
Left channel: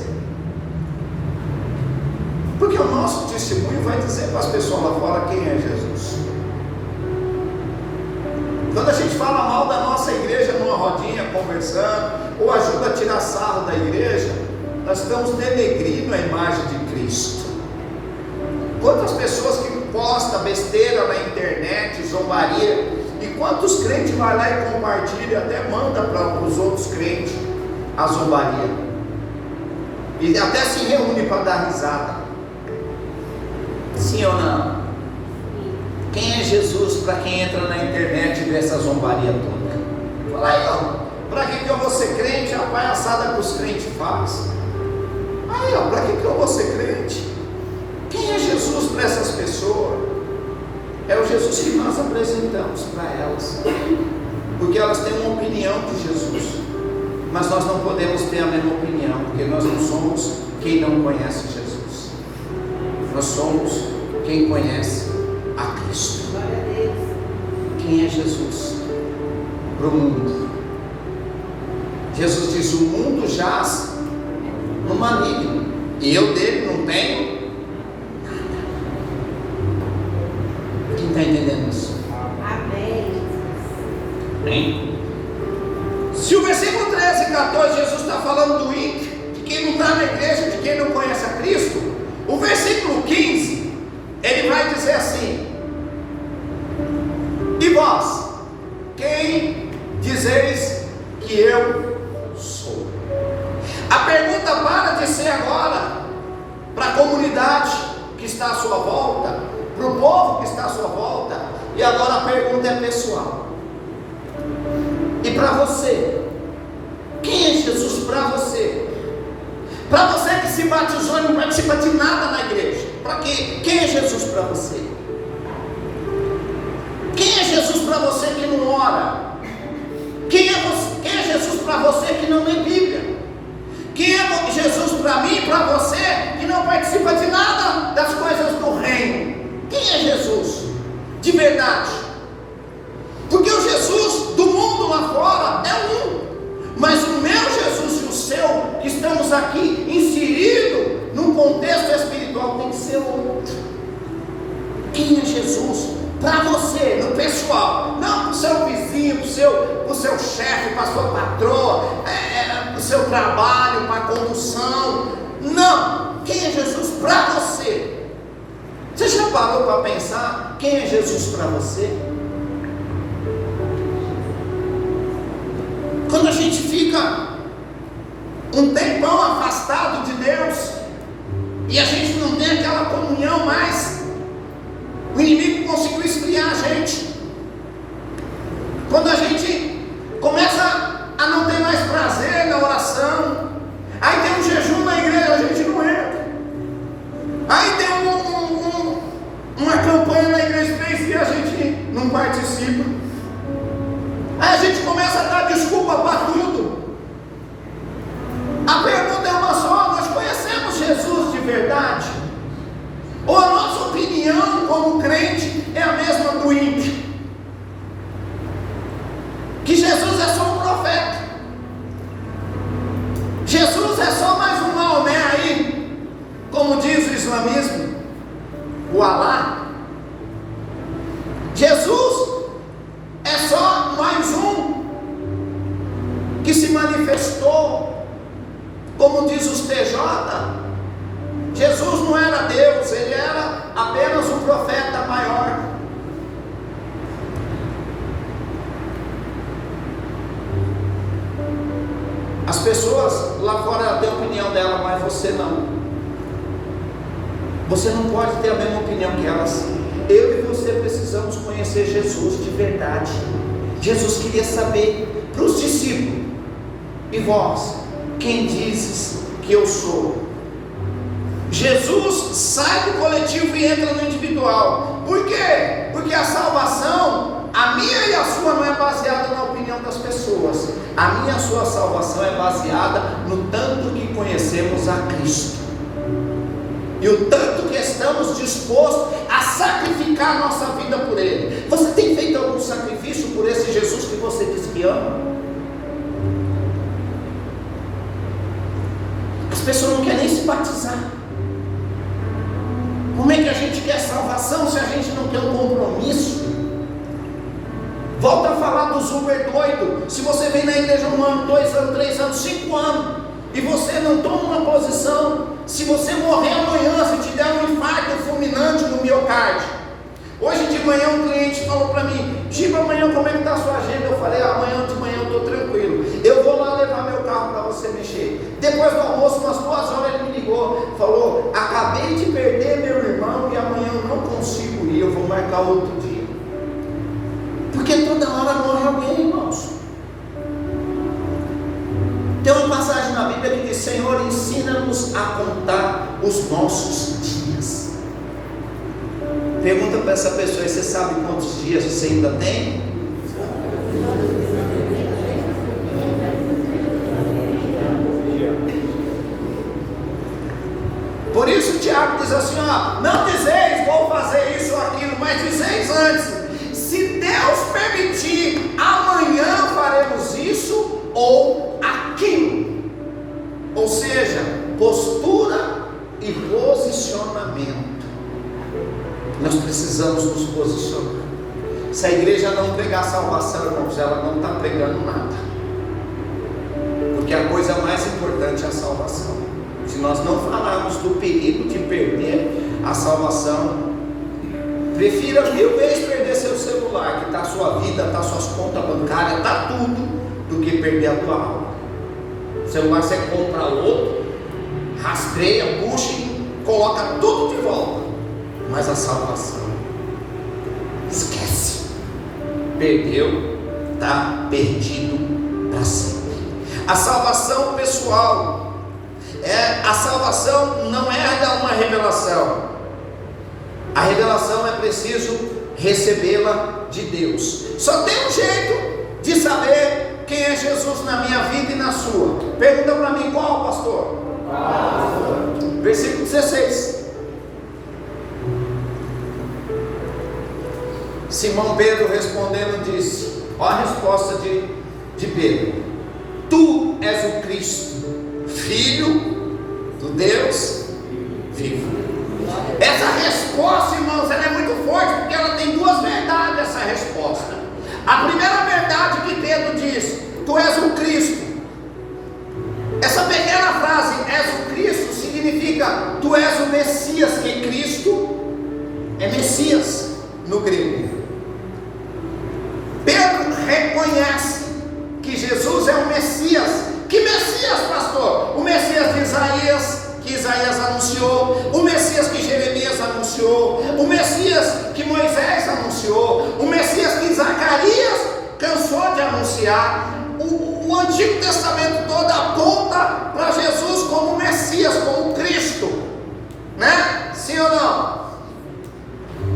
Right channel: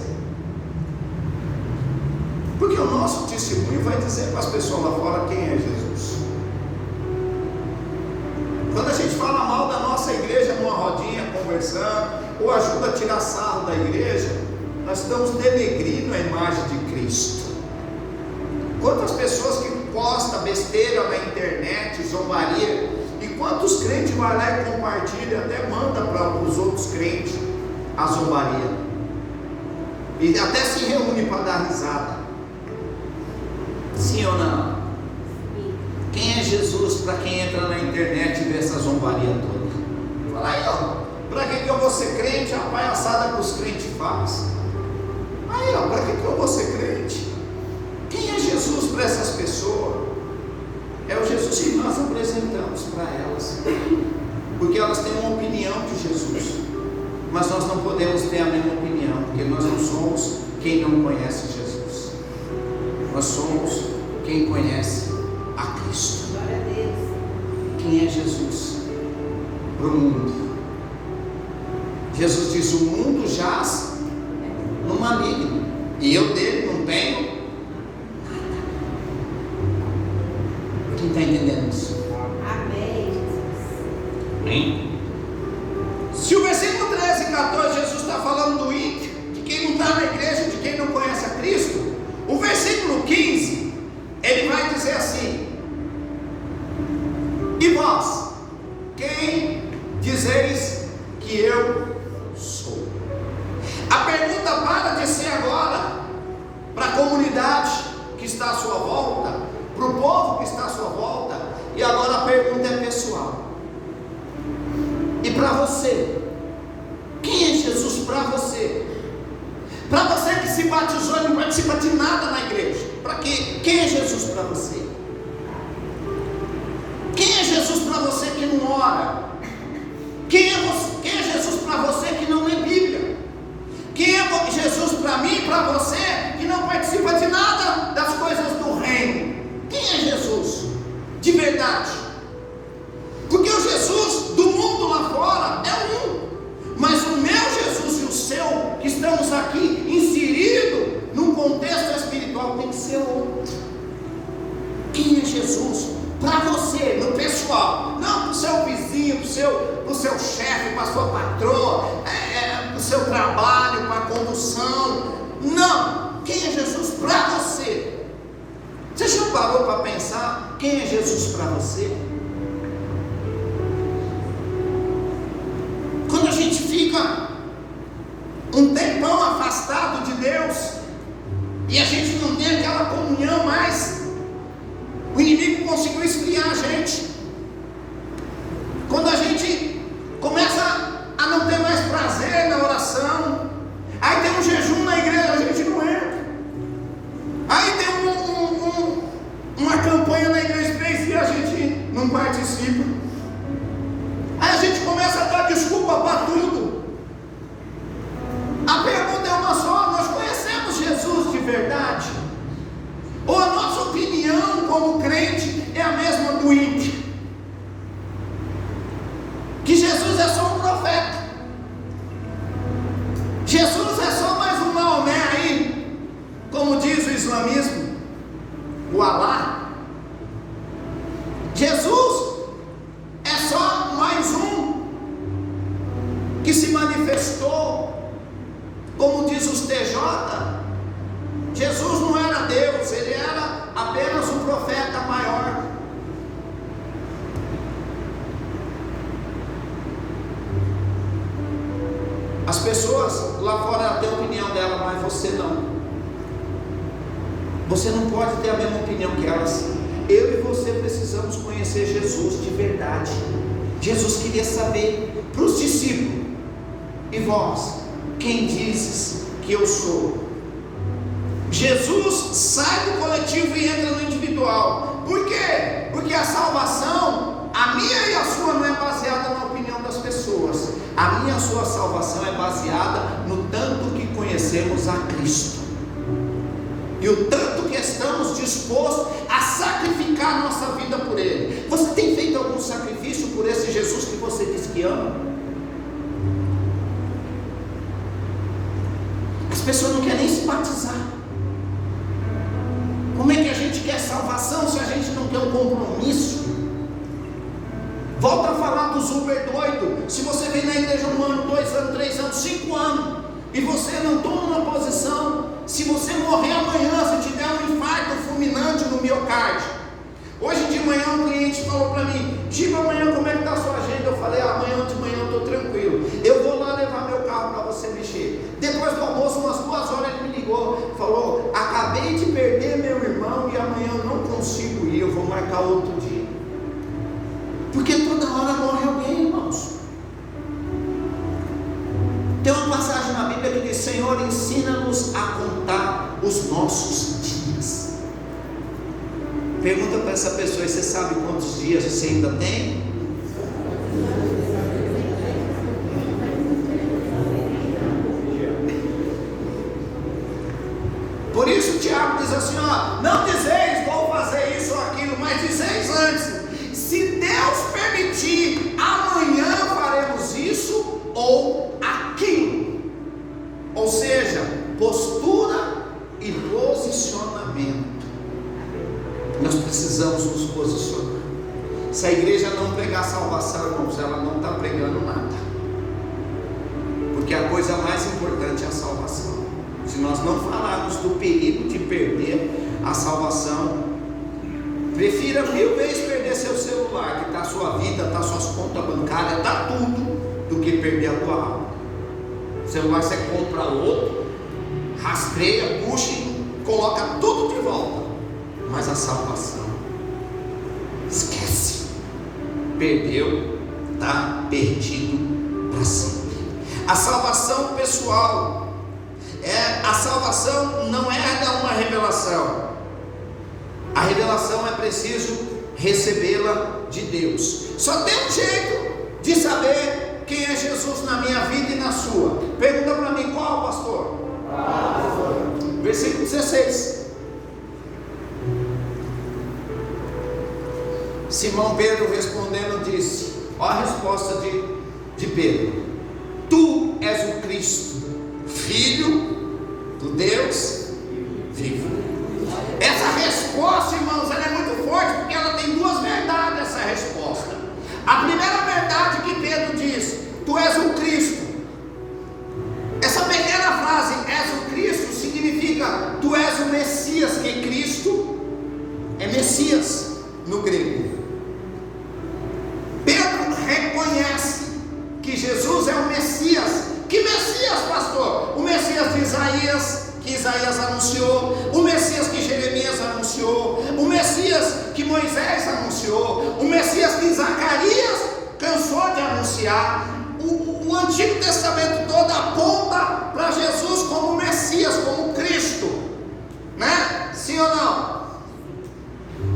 Quando a gente fala mal da nossa igreja numa rodinha conversando, ou ajuda a tirar sarro da igreja, nós estamos denegrindo a imagem de Cristo. Quantas pessoas que postam besteira na internet, zombaria, e quantos crentes vai lá e compartilha, até manda para os outros crentes a zombaria, e até se reúne para dar risada. Sim ou não? Quem é Jesus para quem entra na internet e vê essa zombaria toda? Fala aí, ó, para que eu vou ser crente? A palhaçada que os crentes fazem. Aí, ó, para que eu vou ser crente? Quem é Jesus para essas pessoas? É o Jesus que nós apresentamos para elas, porque elas têm uma opinião de Jesus, mas nós não podemos ter a mesma opinião, porque nós não somos quem não conhece Jesus, nós somos quem conhece a Cristo. Quem é Jesus para o mundo? Jesus diz: o mundo jaz no maligno, e eu dele não tenho. Quem está entendendo isso? Amém. Se o versículo 13 e 14 Jesus está falando do ímpio, de quem não está na igreja, de quem não conhece a Cristo, o versículo 15 ele vai dizer assim: e vós, quem dizeis que eu sou? A pergunta para de ser agora para a comunidade que está à sua volta, para o povo que está à sua volta, e agora a pergunta é pessoal. E para você, quem é Jesus para você? Para você que se batizou e não participa de nada na igreja, para quê? Quem é Jesus para você? Quem é Jesus para você que não ora? Quem é Jesus para você que não lê Bíblia? Quem é Jesus para mim e para você que não participa de nada das coisas do reino? Quem é Jesus de verdade? Porque o Jesus do mundo lá fora é um, mas o meu Jesus e o seu, que estamos aqui inseridos num contexto espiritual, tem que ser outro. Quem é Jesus para você, no pessoal? Não para o seu vizinho, para o seu chefe, para a sua patroa, para o seu trabalho, para a condução. Não, quem é Jesus para você? Você já parou para pensar quem é Jesus para você? Quando a gente fica um tempão afastado de Deus e a gente não tem aquela comunhão mais, o inimigo conseguiu esfriar a gente. Quando a gente começa a não ter mais prazer na oração, aí tem um jejum na igreja, a gente não entra. Aí tem uma campanha na igreja Space e a gente não participa. Aí a gente começa a dar desculpa para tudo. A pergunta é uma só: nós conhecemos Jesus de verdade? Ou a nossa opinião como crente é a mesma do ímpio? Que Jesus é só um profeta, Jesus é só mais um Maomé aí, como diz o islamismo, o Alá. Jesus é só mais um que se manifestou, como diz os TJ. Jesus não era Deus, ele era apenas um profeta maior. As pessoas lá fora têm a opinião dela, mas você não. Você não pode ter a mesma opinião que elas. Eu e você precisamos conhecer Jesus de verdade. Jesus queria saber para os discípulos: e vós, quem dizes que eu sou? Jesus sai do coletivo e entra no individual. Por quê? Porque a salvação, a minha e a sua, não é baseada na opinião das pessoas. A minha e a sua salvação é baseada no tanto que conhecemos a Cristo, e o tanto que estamos dispostos a sacrificar a nossa vida por Ele. Você tem feito algum sacrifício por esse Jesus que você diz que ama? As pessoas não querem nem se batizar. Como é que a gente quer salvação se a gente não quer um compromisso? Volta a falar anos, Uber doido. Se você vem na igreja 1 ano, 2 anos, 3 anos, 5 anos, e você não toma uma posição, se você morrer amanhã, se te der um infarto fulminante no miocárdio. Hoje de manhã um cliente falou para mim: Giba, amanhã como é que está a sua agenda? Eu falei: amanhã de manhã eu estou tranquilo, eu vou lá levar meu carro para você mexer. Depois do almoço, umas 2 horas, ele me ligou, falou: acabei de perder meu irmão e amanhã eu não consigo ir, eu vou marcar outro dia. Porque toda hora morre alguém, irmãos. Tem uma passagem na Bíblia que diz: Senhor, ensina-nos a contar os nossos dias. Pergunta para essa pessoa: você sabe quantos dias você ainda tem? Por isso Tiago diz assim: ó, não dizeis vou fazer isso ou aquilo, mas dizeis antes, se Deus permitir, amanhã faremos isso ou aquilo. Ou seja, postura e posicionamento. Nós precisamos nos posicionar. Se a igreja não pregar salvação, irmãos, ela não está pregando nada, porque a coisa mais importante é a salvação. Se nós não falarmos do perigo de perder a salvação, prefira 1000 vezes perder seu celular, que está a sua vida, está suas contas bancárias, está tudo, do que perder a tua alma. O celular você compra outro, rastreia, puxa e coloca tudo de volta. Mas a salvação, esquece, perdeu, está perdido para sempre. A salvação pessoal, a salvação não é uma revelação. A revelação é preciso recebê-la de Deus. Só tem um jeito de saber quem é Jesus na minha vida e na sua. Pergunta para mim: qual, pastor? Versículo 16. Simão Pedro respondendo disse: olha a resposta de Pedro: tu és o Cristo, Filho do Deus vivo. Essa resposta, irmãos, ela é muito forte, porque ela tem 2 verdades. Essa resposta, a primeira verdade que Pedro diz: tu és o Cristo. Essa pequena frase, és o Cristo, significa tu és o Messias, que Cristo é Messias no grego. Pedro reconhece que Jesus é o Messias. Que Messias, pastor? O Messias de Isaías, que Isaías anunciou, o Messias que Jeremias anunciou, o Messias que Moisés anunciou, o Messias que Zacarias cansou de anunciar. O Antigo Testamento todo aponta para Jesus como Messias, como Cristo, né? Sim ou não?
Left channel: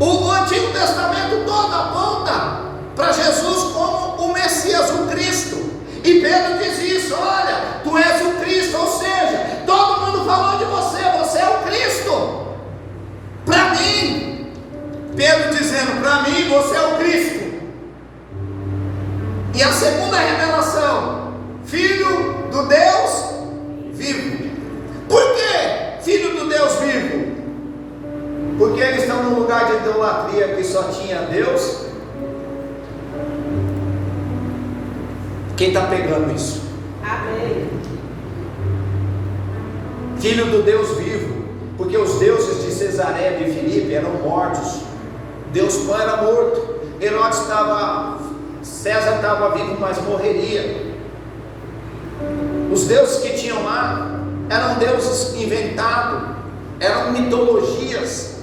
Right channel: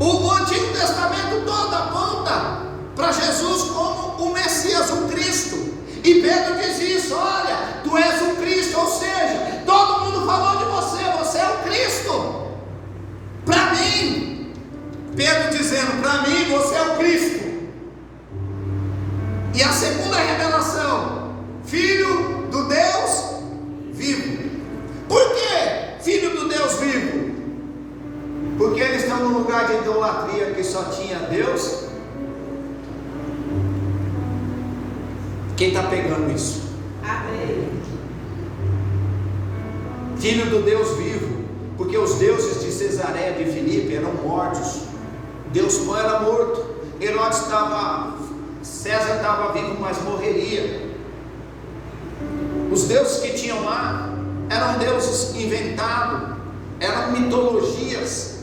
O Antigo Testamento todo aponta para Jesus como o Messias, o Cristo. E Pedro diz isso: olha, tu és o Cristo. Ou seja, todo mundo falou de você, você é o Cristo. Para mim, Pedro dizendo: para mim você é o Cristo. E a segunda revelação: Filho do Deus vivo. Por que Filho do Deus vivo? Porque eles estão num lugar de idolatria que só tinha Deus. Quem está pegando isso? Amém. Filho do Deus vivo, porque os deuses de Cesaré de Filipe eram mortos. Deus Pai era morto. Herodes estava, César estava vivo, mas morreria. Os deuses que tinham lá eram deuses inventados, eram mitologias,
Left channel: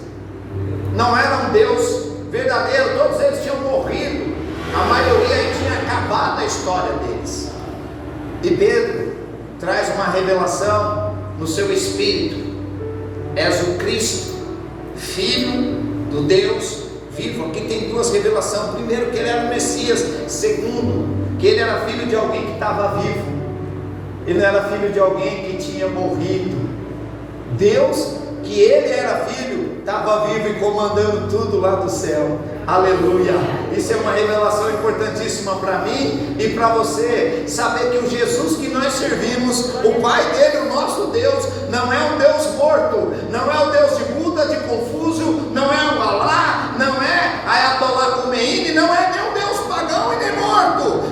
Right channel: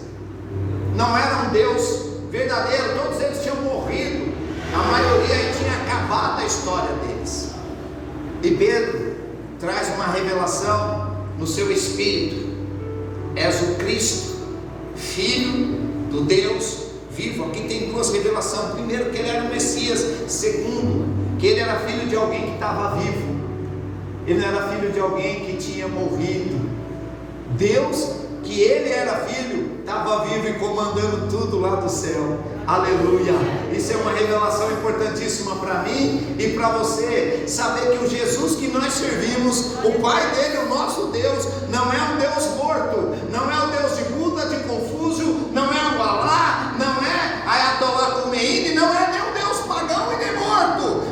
não eram Deus verdadeiro. Todos eles tinham morrido, a maioria tinha acabado a história deles. E Pedro traz uma revelação no seu espírito: és o Cristo, Filho do Deus vivo. Aqui tem 2 revelações: primeiro, que ele era o Messias; segundo, que ele era filho de alguém que estava vivo, ele não era filho de alguém que tinha morrido. Deus, que ele era filho, estava vivo e comandando tudo lá do céu. Aleluia! Isso é uma revelação importantíssima para mim e para você, saber que o Jesus que nós servimos, o Pai dele, o nosso Deus, não é um Deus morto, não é o Deus de Buda, de Confúcio, não é um Alá, não é Ayatollah Khomeini, não é nem um Deus pagão e nem morto.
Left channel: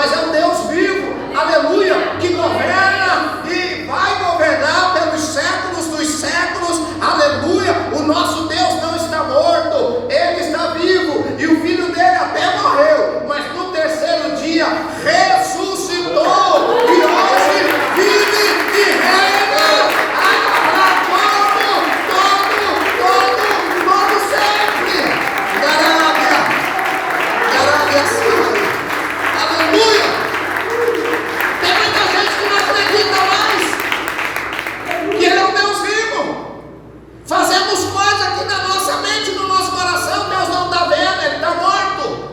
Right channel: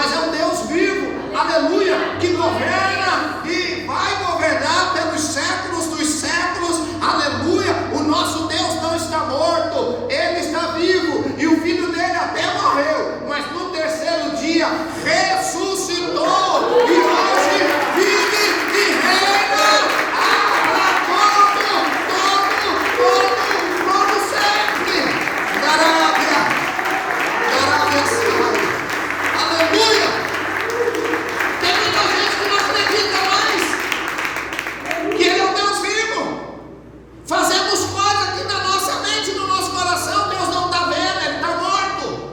mas é um Deus vivo, aleluia, que governa e vai governar pelos séculos dos séculos, aleluia. O nosso Deus não está morto, Ele está vivo, e o Filho dele até morreu, mas no terceiro dia ressuscitou, e hoje vive e reina todo sempre. Glória seja, aleluia. Tem muita gente que não acredita mais que Ele é um Deus vivo. Fazemos coisas aqui na nossa mente, no nosso coração, Deus não está vendo, Ele está morto.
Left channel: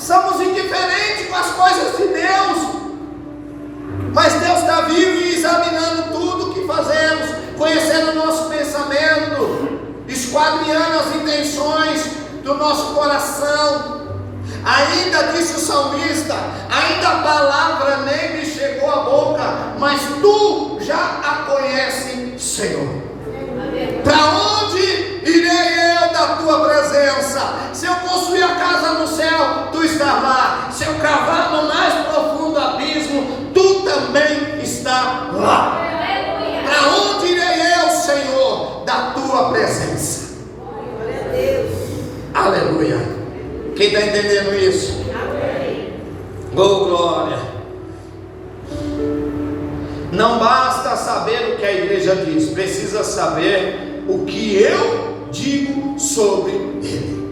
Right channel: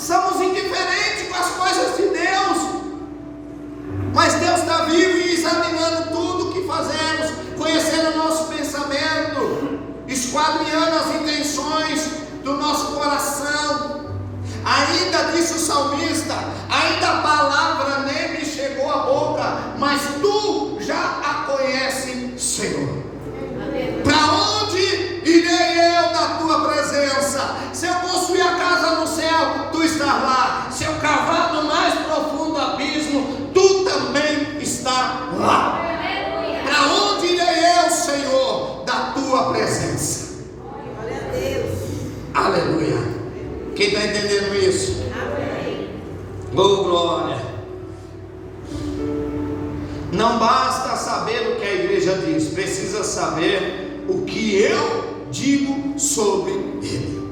Somos indiferentes com as coisas de Deus, mas Deus está vivo e examinando tudo que fazemos, conhecendo o nosso pensamento, esquadrinhando as intenções do nosso coração. Ainda disse o salmista, ainda a palavra nem me chegou à boca, mas tu já a conheces, Senhor. Para onde irei eu da tua presença? Se eu construir a casa no céu, tu estás lá. Se eu cavar no mais profundo abismo, tu também está lá. Para onde irei eu, Senhor, da tua presença? Glória a Deus. Aleluia. Quem está entendendo isso? Amém. Oh, glória. Não basta saber o que a igreja diz, precisa saber o que eu digo sobre ele.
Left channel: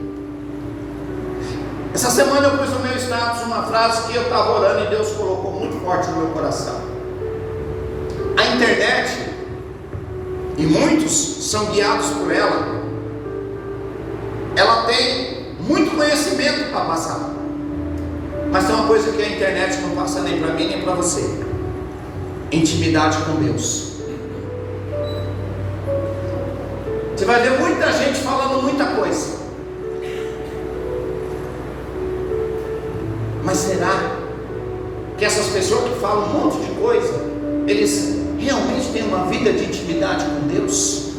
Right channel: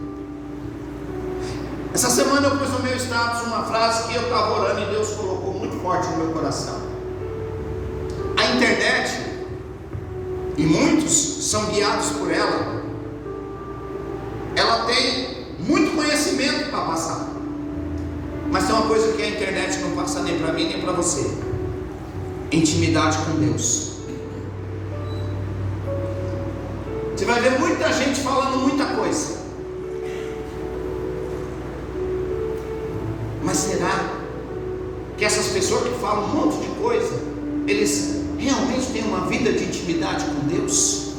Essa semana eu pus no meu status uma frase que eu estava orando e Deus colocou muito forte no meu coração. A internet, e muitos são guiados por ela, ela tem muito conhecimento para passar, mas tem uma coisa que a internet não passa nem para mim nem para você: intimidade com Deus. Você vai ver muita gente falando muita coisa, mas será que essas pessoas que falam um monte de coisa, eles realmente têm uma vida de intimidade com Deus?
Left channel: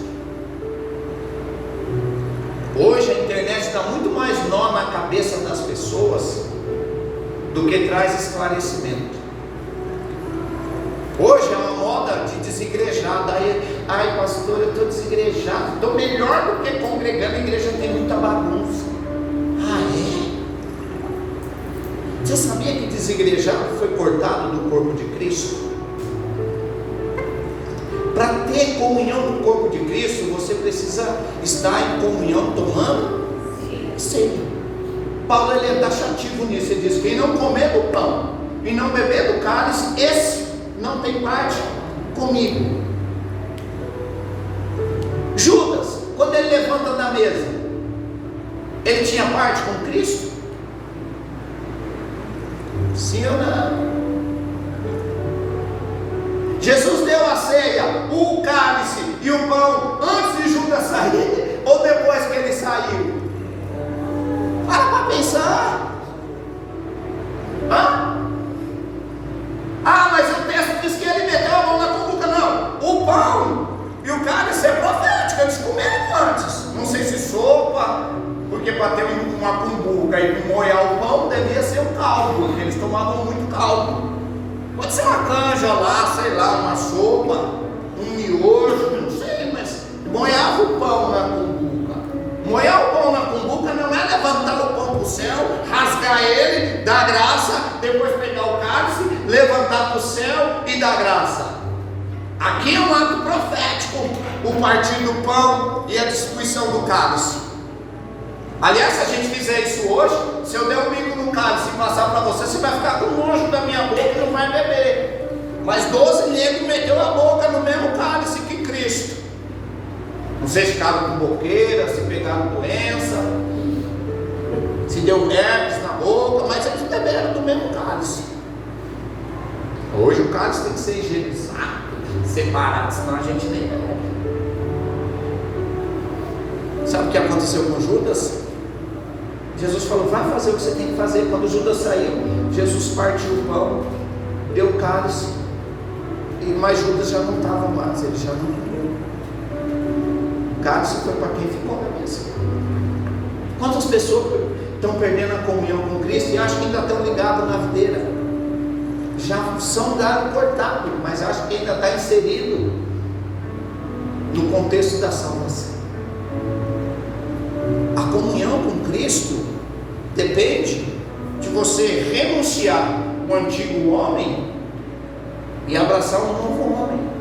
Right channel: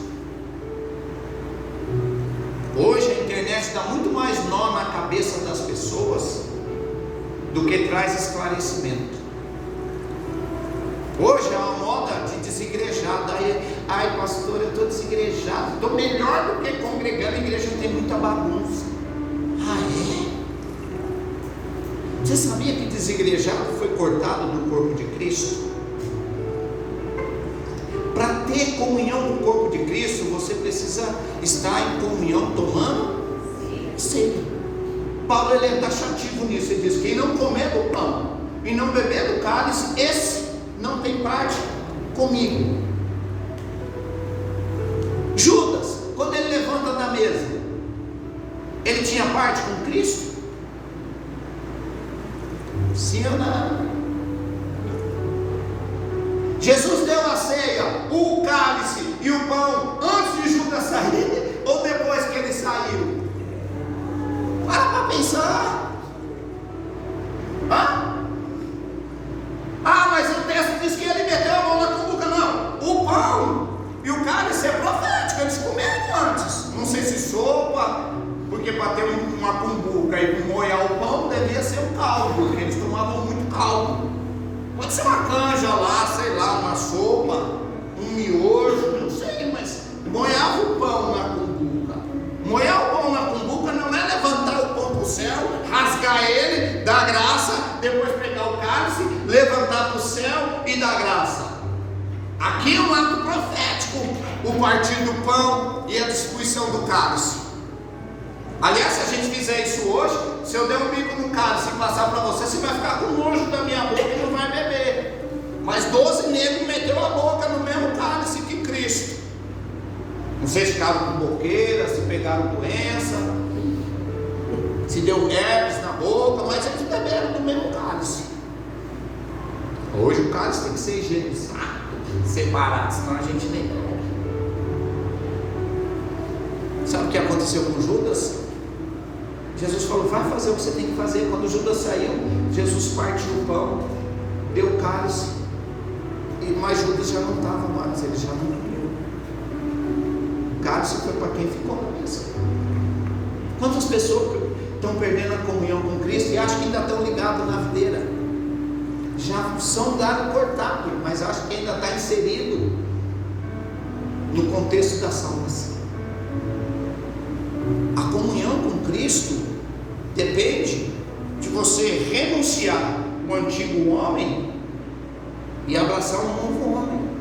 Hoje a internet dá muito mais nó na cabeça das pessoas do que traz esclarecimento. Hoje é uma moda de desigrejado. Ai pastor, eu estou desigrejado, estou melhor do que congregando. A igreja tem muita bagunça. Você sabia que desigrejado foi cortado do corpo de Cristo? Para ter comunhão no corpo de Cristo, você precisa estar em comunhão tomando ceia. Paulo ele é taxativo nisso, ele diz: quem não comer do pão e não beber do cálice, esse não tem parte comigo. Judas, quando ele levanta da mesa, ele tinha parte com Cristo? Sim ou não? Jesus deu a ceia, o cálice e o pão antes de Judas sair ou depois que ele saiu? Para pensar. Mas o texto diz que ele meteu a mão na cumbuca. Não, o pão e o cálice é profético, eles comeram antes. Não sei se sopa, porque para ter uma cumbuca e molhar o pão devia ser um caldo, porque eles tomavam muito caldo. Pode ser uma canja lá, sei lá, uma sopa, um miojo, não sei, mas molhava o pão na cumbuca. Molhar o pão na cumbuca não é levantar o pão para o céu, rasgar ele, dar graça, depois pegar o cálice, levantar para o céu e dar graça. Aqui é um ato profético, o partir do pão e a distribuição do cálice. Aliás, se a gente fizer isso hoje, se eu der um bico no cálice e passar para você, você vai ficar com nojo da minha boca e não vai beber. Mas 12 negros meteu a boca no mesmo cálice que Cristo. Não sei se ficaram com boqueira, se pegaram doença, se deu herpes na boca, mas eles beberam do mesmo cálice. Hoje o cálice tem que ser higienizado, separado, senão a gente nem bebe. Sabe o que aconteceu com Judas? Jesus falou: vai fazer o que você tem que fazer. Quando Judas saiu, Jesus partiu o pão, deu o cálice, mas Judas já não estava mais, ele já não comeu. O cálice foi para quem ficou na mesa. Quantas pessoas estão perdendo a comunhão com Cristo e acham que ainda estão ligados na videira. Já são galho cortado, mas acho que ainda está inserido no contexto da salvação. A comunhão com Cristo depende de você renunciar o antigo homem e abraçar um novo homem.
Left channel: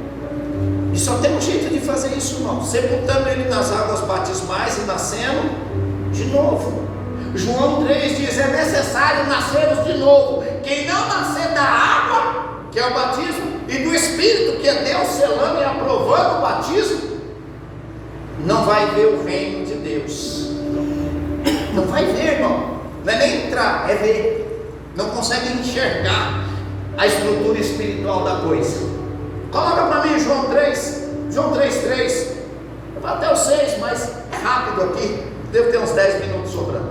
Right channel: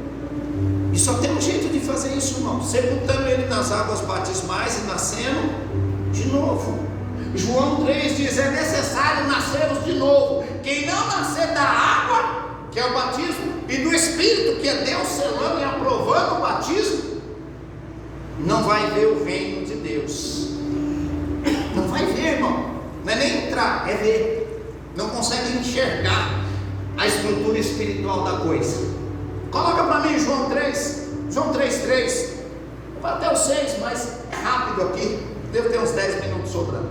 E só tem um jeito de fazer isso, irmão: sepultando ele nas águas batismais e nascendo de novo. João 3 diz: é necessário nascermos de novo. Quem não nascer da água, que é o batismo, e do Espírito, que é Deus selando e aprovando o batismo, não vai ver o reino de Deus. Não vai ver, irmão. Não é nem entrar, é ver. Não consegue enxergar a estrutura espiritual da coisa. Coloca para mim João 3, João 3:3. Eu vou até o 6, mas é rápido aqui. Deve ter uns 10 minutos sobrando.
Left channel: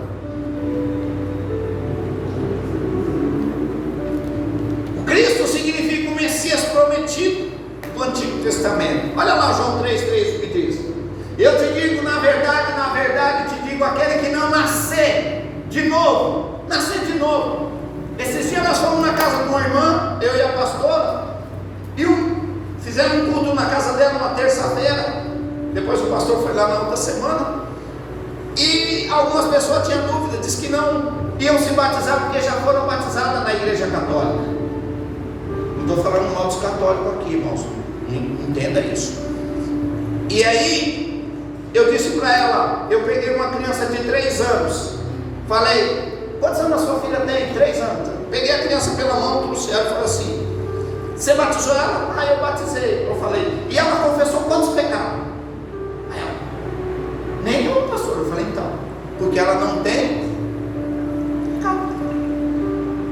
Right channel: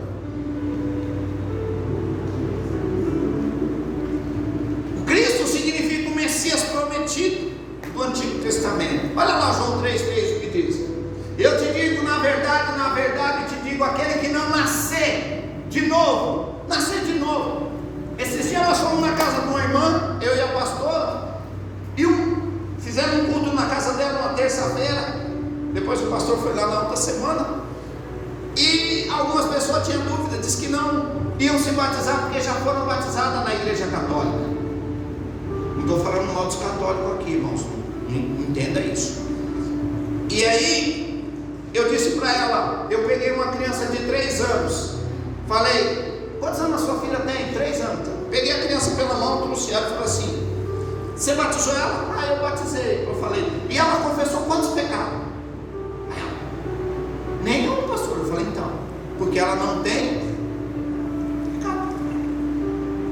O Cristo significa o Messias prometido do Antigo Testamento. Olha lá João 3:3, o que diz: eu te digo na verdade te digo, aquele que não nascer de novo, nascer de novo. Esses dias nós fomos na casa de uma irmã, eu e a pastora, e fizemos um culto na casa dela uma terça-feira. Depois o pastor foi lá na outra semana, e algumas pessoas tinham dúvida, disse que não iam se batizar porque já foram batizadas na igreja católica. Não estou falando mal dos católicos aqui, irmãos, entenda isso. E aí eu disse para ela, eu peguei uma criança de 3 anos, falei: quantos anos a sua filha tem? 3 anos. Peguei a criança pela mão, trouxe ela e falei assim: você batizou ela? Ah, eu batizei. Eu falei: e ela confessou quantos pecados? Aí ela: nenhum, pastor. Eu falei: então, porque ela não tem pecado.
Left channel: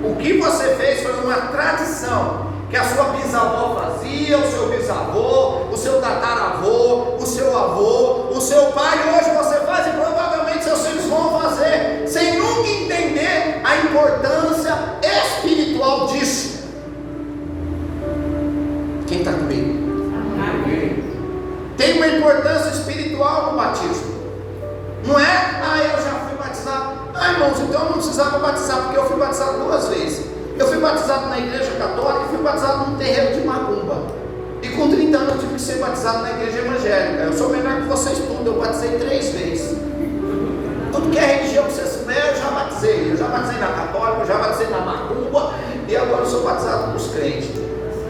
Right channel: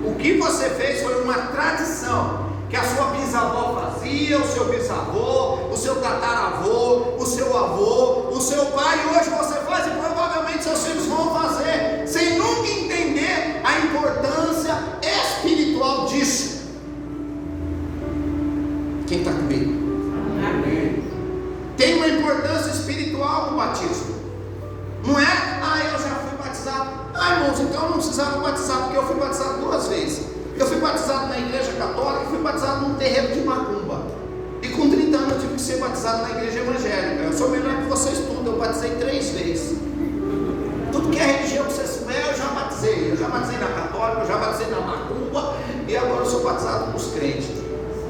O que você fez foi uma tradição que a sua bisavó fazia, o seu bisavô, o seu tataravô, o seu avô, o seu pai, hoje você faz e provavelmente seus filhos vão fazer, sem nunca entender a importância espiritual disso. Quem está comigo? Tem uma importância espiritual no batismo. Não é: ah, eu já fui batizado. Ah, irmãos, então eu não precisava batizar, porque eu fui batizado 2 vezes. Eu fui batizado na igreja católica e fui batizado num terreiro de macumba. E com 30 anos eu tive que ser batizado na igreja evangélica. Eu sou melhor que vocês tudo, eu batizei 3 vezes. Tudo que é religião que você souber, eu já batizei. Eu já batizei na católica, eu já batizei na macumba, e agora eu sou batizado com os crentes.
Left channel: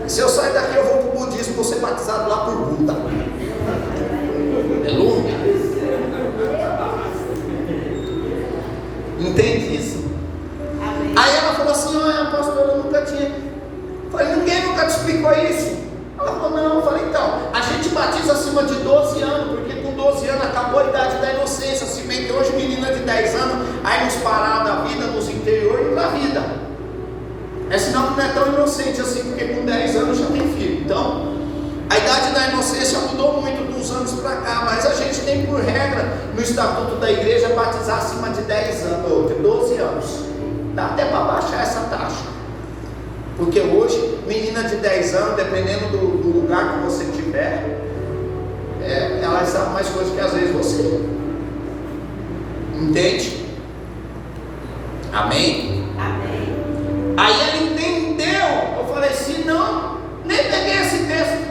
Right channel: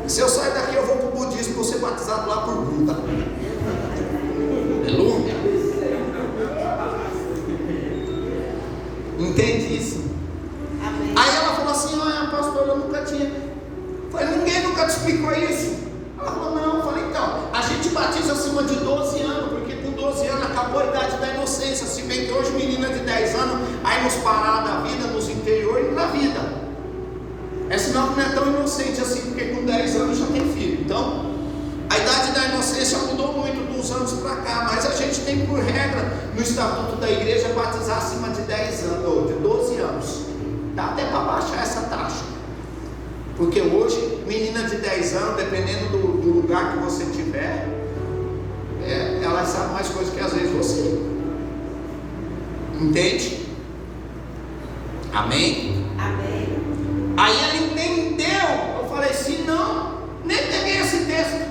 Se eu sair daqui, eu vou para o budismo, vou ser batizado lá por Buda. Aleluia. Entende isso? Aí ela falou assim: olha, pastor, eu nunca tinha. Eu falei: ninguém nunca te explicou isso? Ela falou: não. Eu falei: então, a gente batiza acima de 12 anos, porque com 12 anos acabou a idade da inocência. Se bem que hoje menina de 10 anos, aí nos parar da vida, nos interiores da vida, é sinal que não é tão inocente assim, porque com 10 anos já tem filho. Então, a idade da inocência mudou muito de uns anos para cá, mas a gente tem por regra no estatuto da igreja batizar acima de 10 anos, ou de 12 anos. Dá até para baixar essa taxa, porque hoje, menina de 10 anos, dependendo do lugar que você tiver, ela sabe mais coisas que às vezes você. Entende? Amém? Amém. Aí ela entendeu. Eu falei: se não, nem peguei esse texto,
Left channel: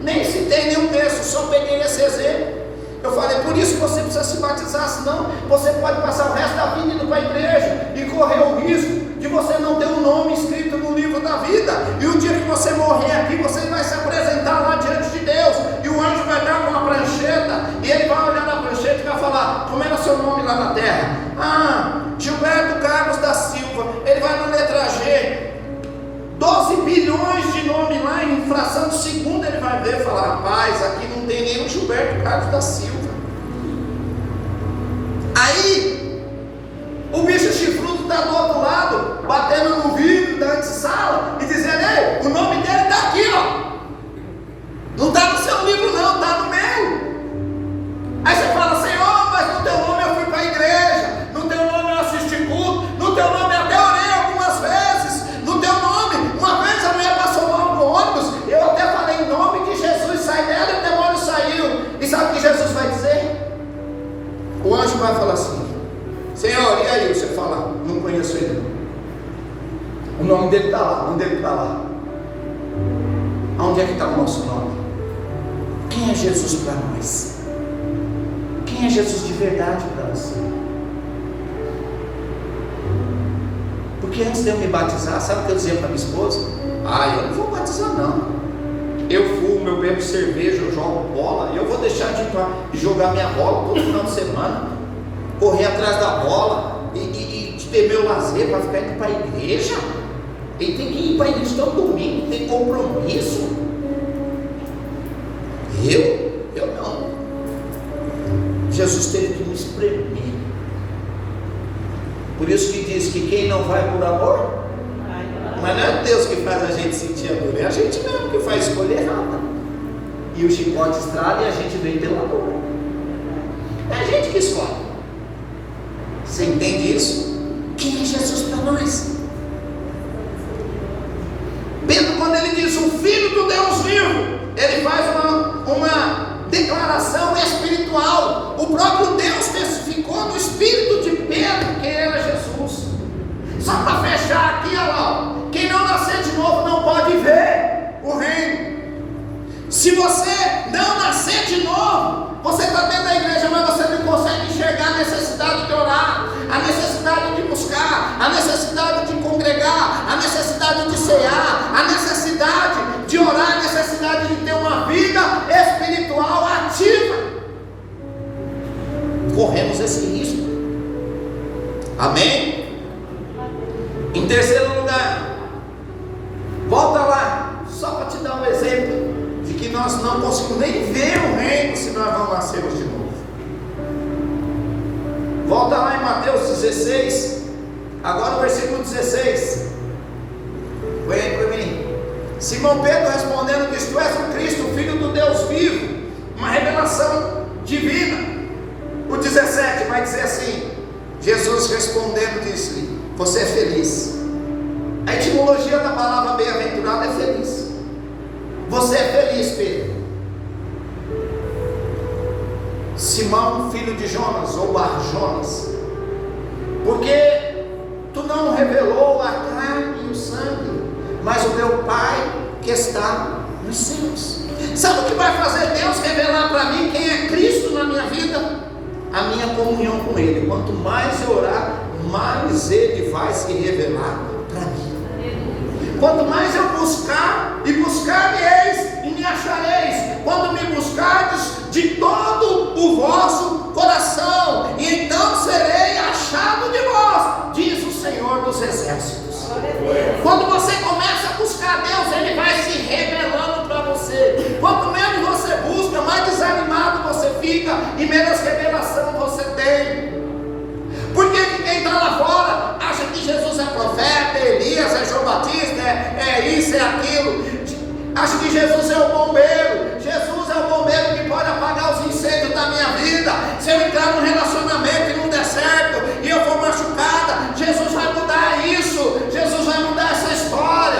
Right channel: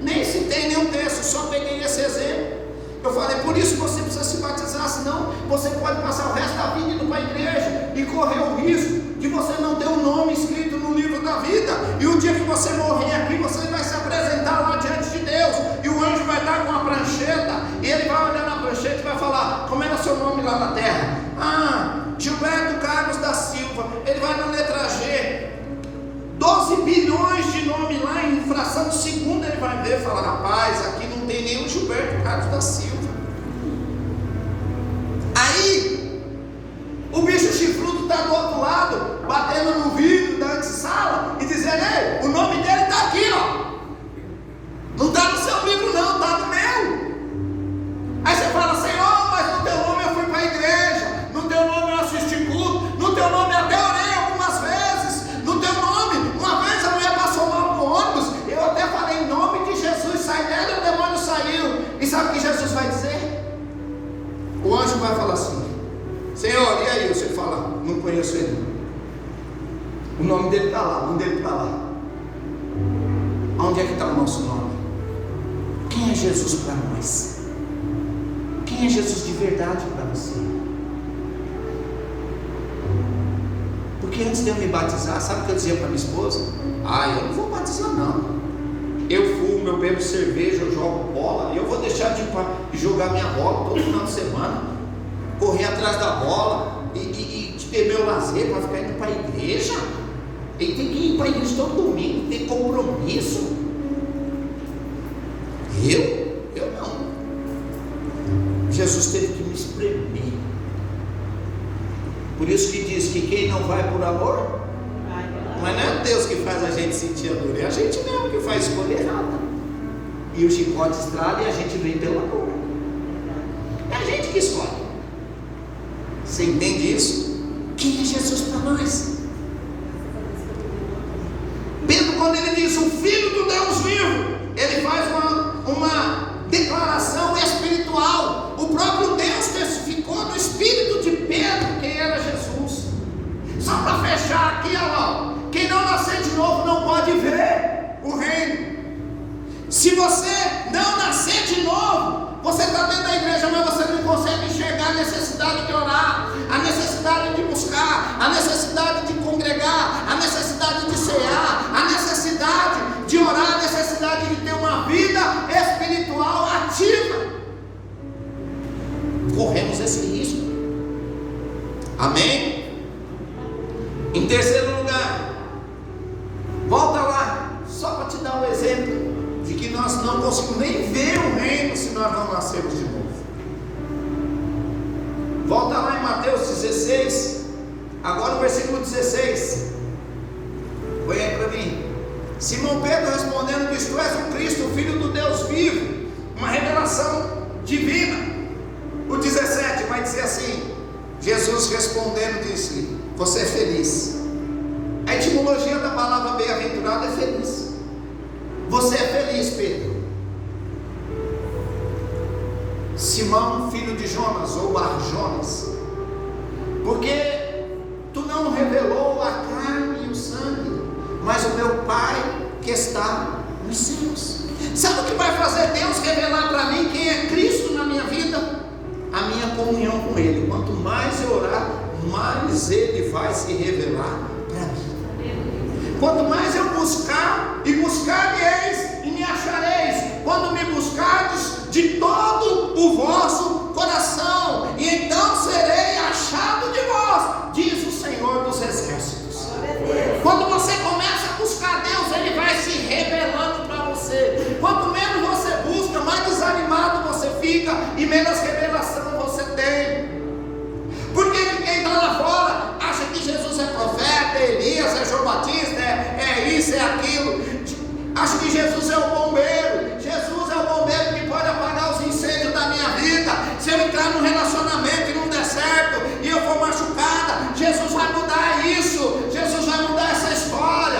nem citei nenhum texto, só peguei esse exemplo. Eu falei: por isso você precisa se batizar, senão você pode passar o resto da vida indo para a igreja e correr o risco de você não ter um nome escrito no livro da vida, e o dia que você morrer aqui, você vai se apresentar lá diante de Deus, e o anjo vai dar com uma prancheta, e ele vai olhar na prancheta e vai falar: como era seu nome lá na terra? Ah, Gilberto Carlos da Silva. Ele vai na letra G, 12 bilhões de nome lá, em fração de segundo ele vai ver e falar: rapaz, aqui não tem nenhum Gilberto Carlos da Silva. Aí o bicho chifrudo está do outro lado, batendo no vidro da antessala e dizendo: ei, o nome dele está aqui, ó. Não está no seu livro não, está no meu. Aí você fala: Senhor, mas no teu nome eu fui para a igreja, no teu nome eu assisti culto, no teu nome eu até orei algumas vezes, no teu nome, uma vez a mulher passou mal no ônibus, eu até falei: em nome de Jesus, sai dela, e o demônio saiu. E sabe o que Jesus vai dizer? O anjo vai falar assim: Senhor, e aí? Você fala, não conheço ele. O nome dele está lá, o nome dele está lá. Onde é que está o nosso nome? Quem é Jesus para nós? Quem é Jesus de verdade para você? Porque antes de eu me batizar, sabe o que eu dizia para minha esposa? Eu não vou batizar não. Eu fumo, eu bebo cerveja, eu jogo bola. Eu vou deixar de jogar minha bola todo final de semana, correr atrás da bola e ter meu lazer para ficar indo para a igreja. Ele tem que ir para a igreja todo domingo, tem compromisso. Eu não. Jesus teve que me espremer. Por isso que diz que quem não vai por amor, mas não é Deus que faz a gente sentir amor, é a gente mesmo que faz escolher errada. E o chicote estrala e a gente vem pelo amor. É a gente que escolhe. Você entende isso? Quem é Jesus para nós? Pedro, quando ele diz o Filho do Deus vivo, ele faz uma declaração espiritual. O próprio Deus testificou no espírito de Pedro que era Jesus. Só para fechar aqui, ó, quem não nascer de novo não pode ver o reino. Se você não nascer de novo, você está dentro da igreja, mas você não consegue enxergar a necessidade de orar, a necessidade de buscar, a necessidade de congregar, a necessidade de cear, a necessidade de orar, a necessidade de ter uma vida espiritual ativa. Corremos esse risco. Amém? Em terceiro lugar, volta lá, só para te dar um exemplo de que nós não conseguimos nem ver o reino se nós não nascermos de novo. Volta lá em Mateus 16, agora o versículo 16. Põe aí para mim. Simão Pedro respondendo: diz, tu és o Cristo, o Filho do Deus vivo. Uma revelação divina. O 17 vai dizer assim: Jesus respondendo disse-lhe: você é feliz. A etimologia da palavra bem-aventurado é feliz. Você é feliz, Pedro. Simão, filho de Jonas, ou Bar-Jonas, porque tu não revelou a carne e o sangue, mas o meu Pai que está nos céus. Sabe o que vai fazer Deus revelar para mim quem é Cristo na minha vida? A minha comunhão com Ele. Quanto mais eu orar, mais Ele vai se revelar para mim. Quanto mais eu buscar, e buscar-me-eis e me achareis, quando me buscardes de todo o vosso coração, e então serei achado de vós, diz o Senhor dos Exércitos. Quando você começa a buscar Deus, Ele vai se revelando para você. Quanto menos você busca, mais desanimado você fica e menos revelação você tem. Porque quem está lá fora acha que Jesus é profeta, é Elias, é João Batista, é isso, é aquilo. Acha que Jesus é o bombeiro. Jesus é o bombeiro que pode apagar os incêndios da minha vida. Se eu entrar num relacionamento e não der certo, e eu for machucada, Jesus vai mudar isso. Jesus vai mudar essa história.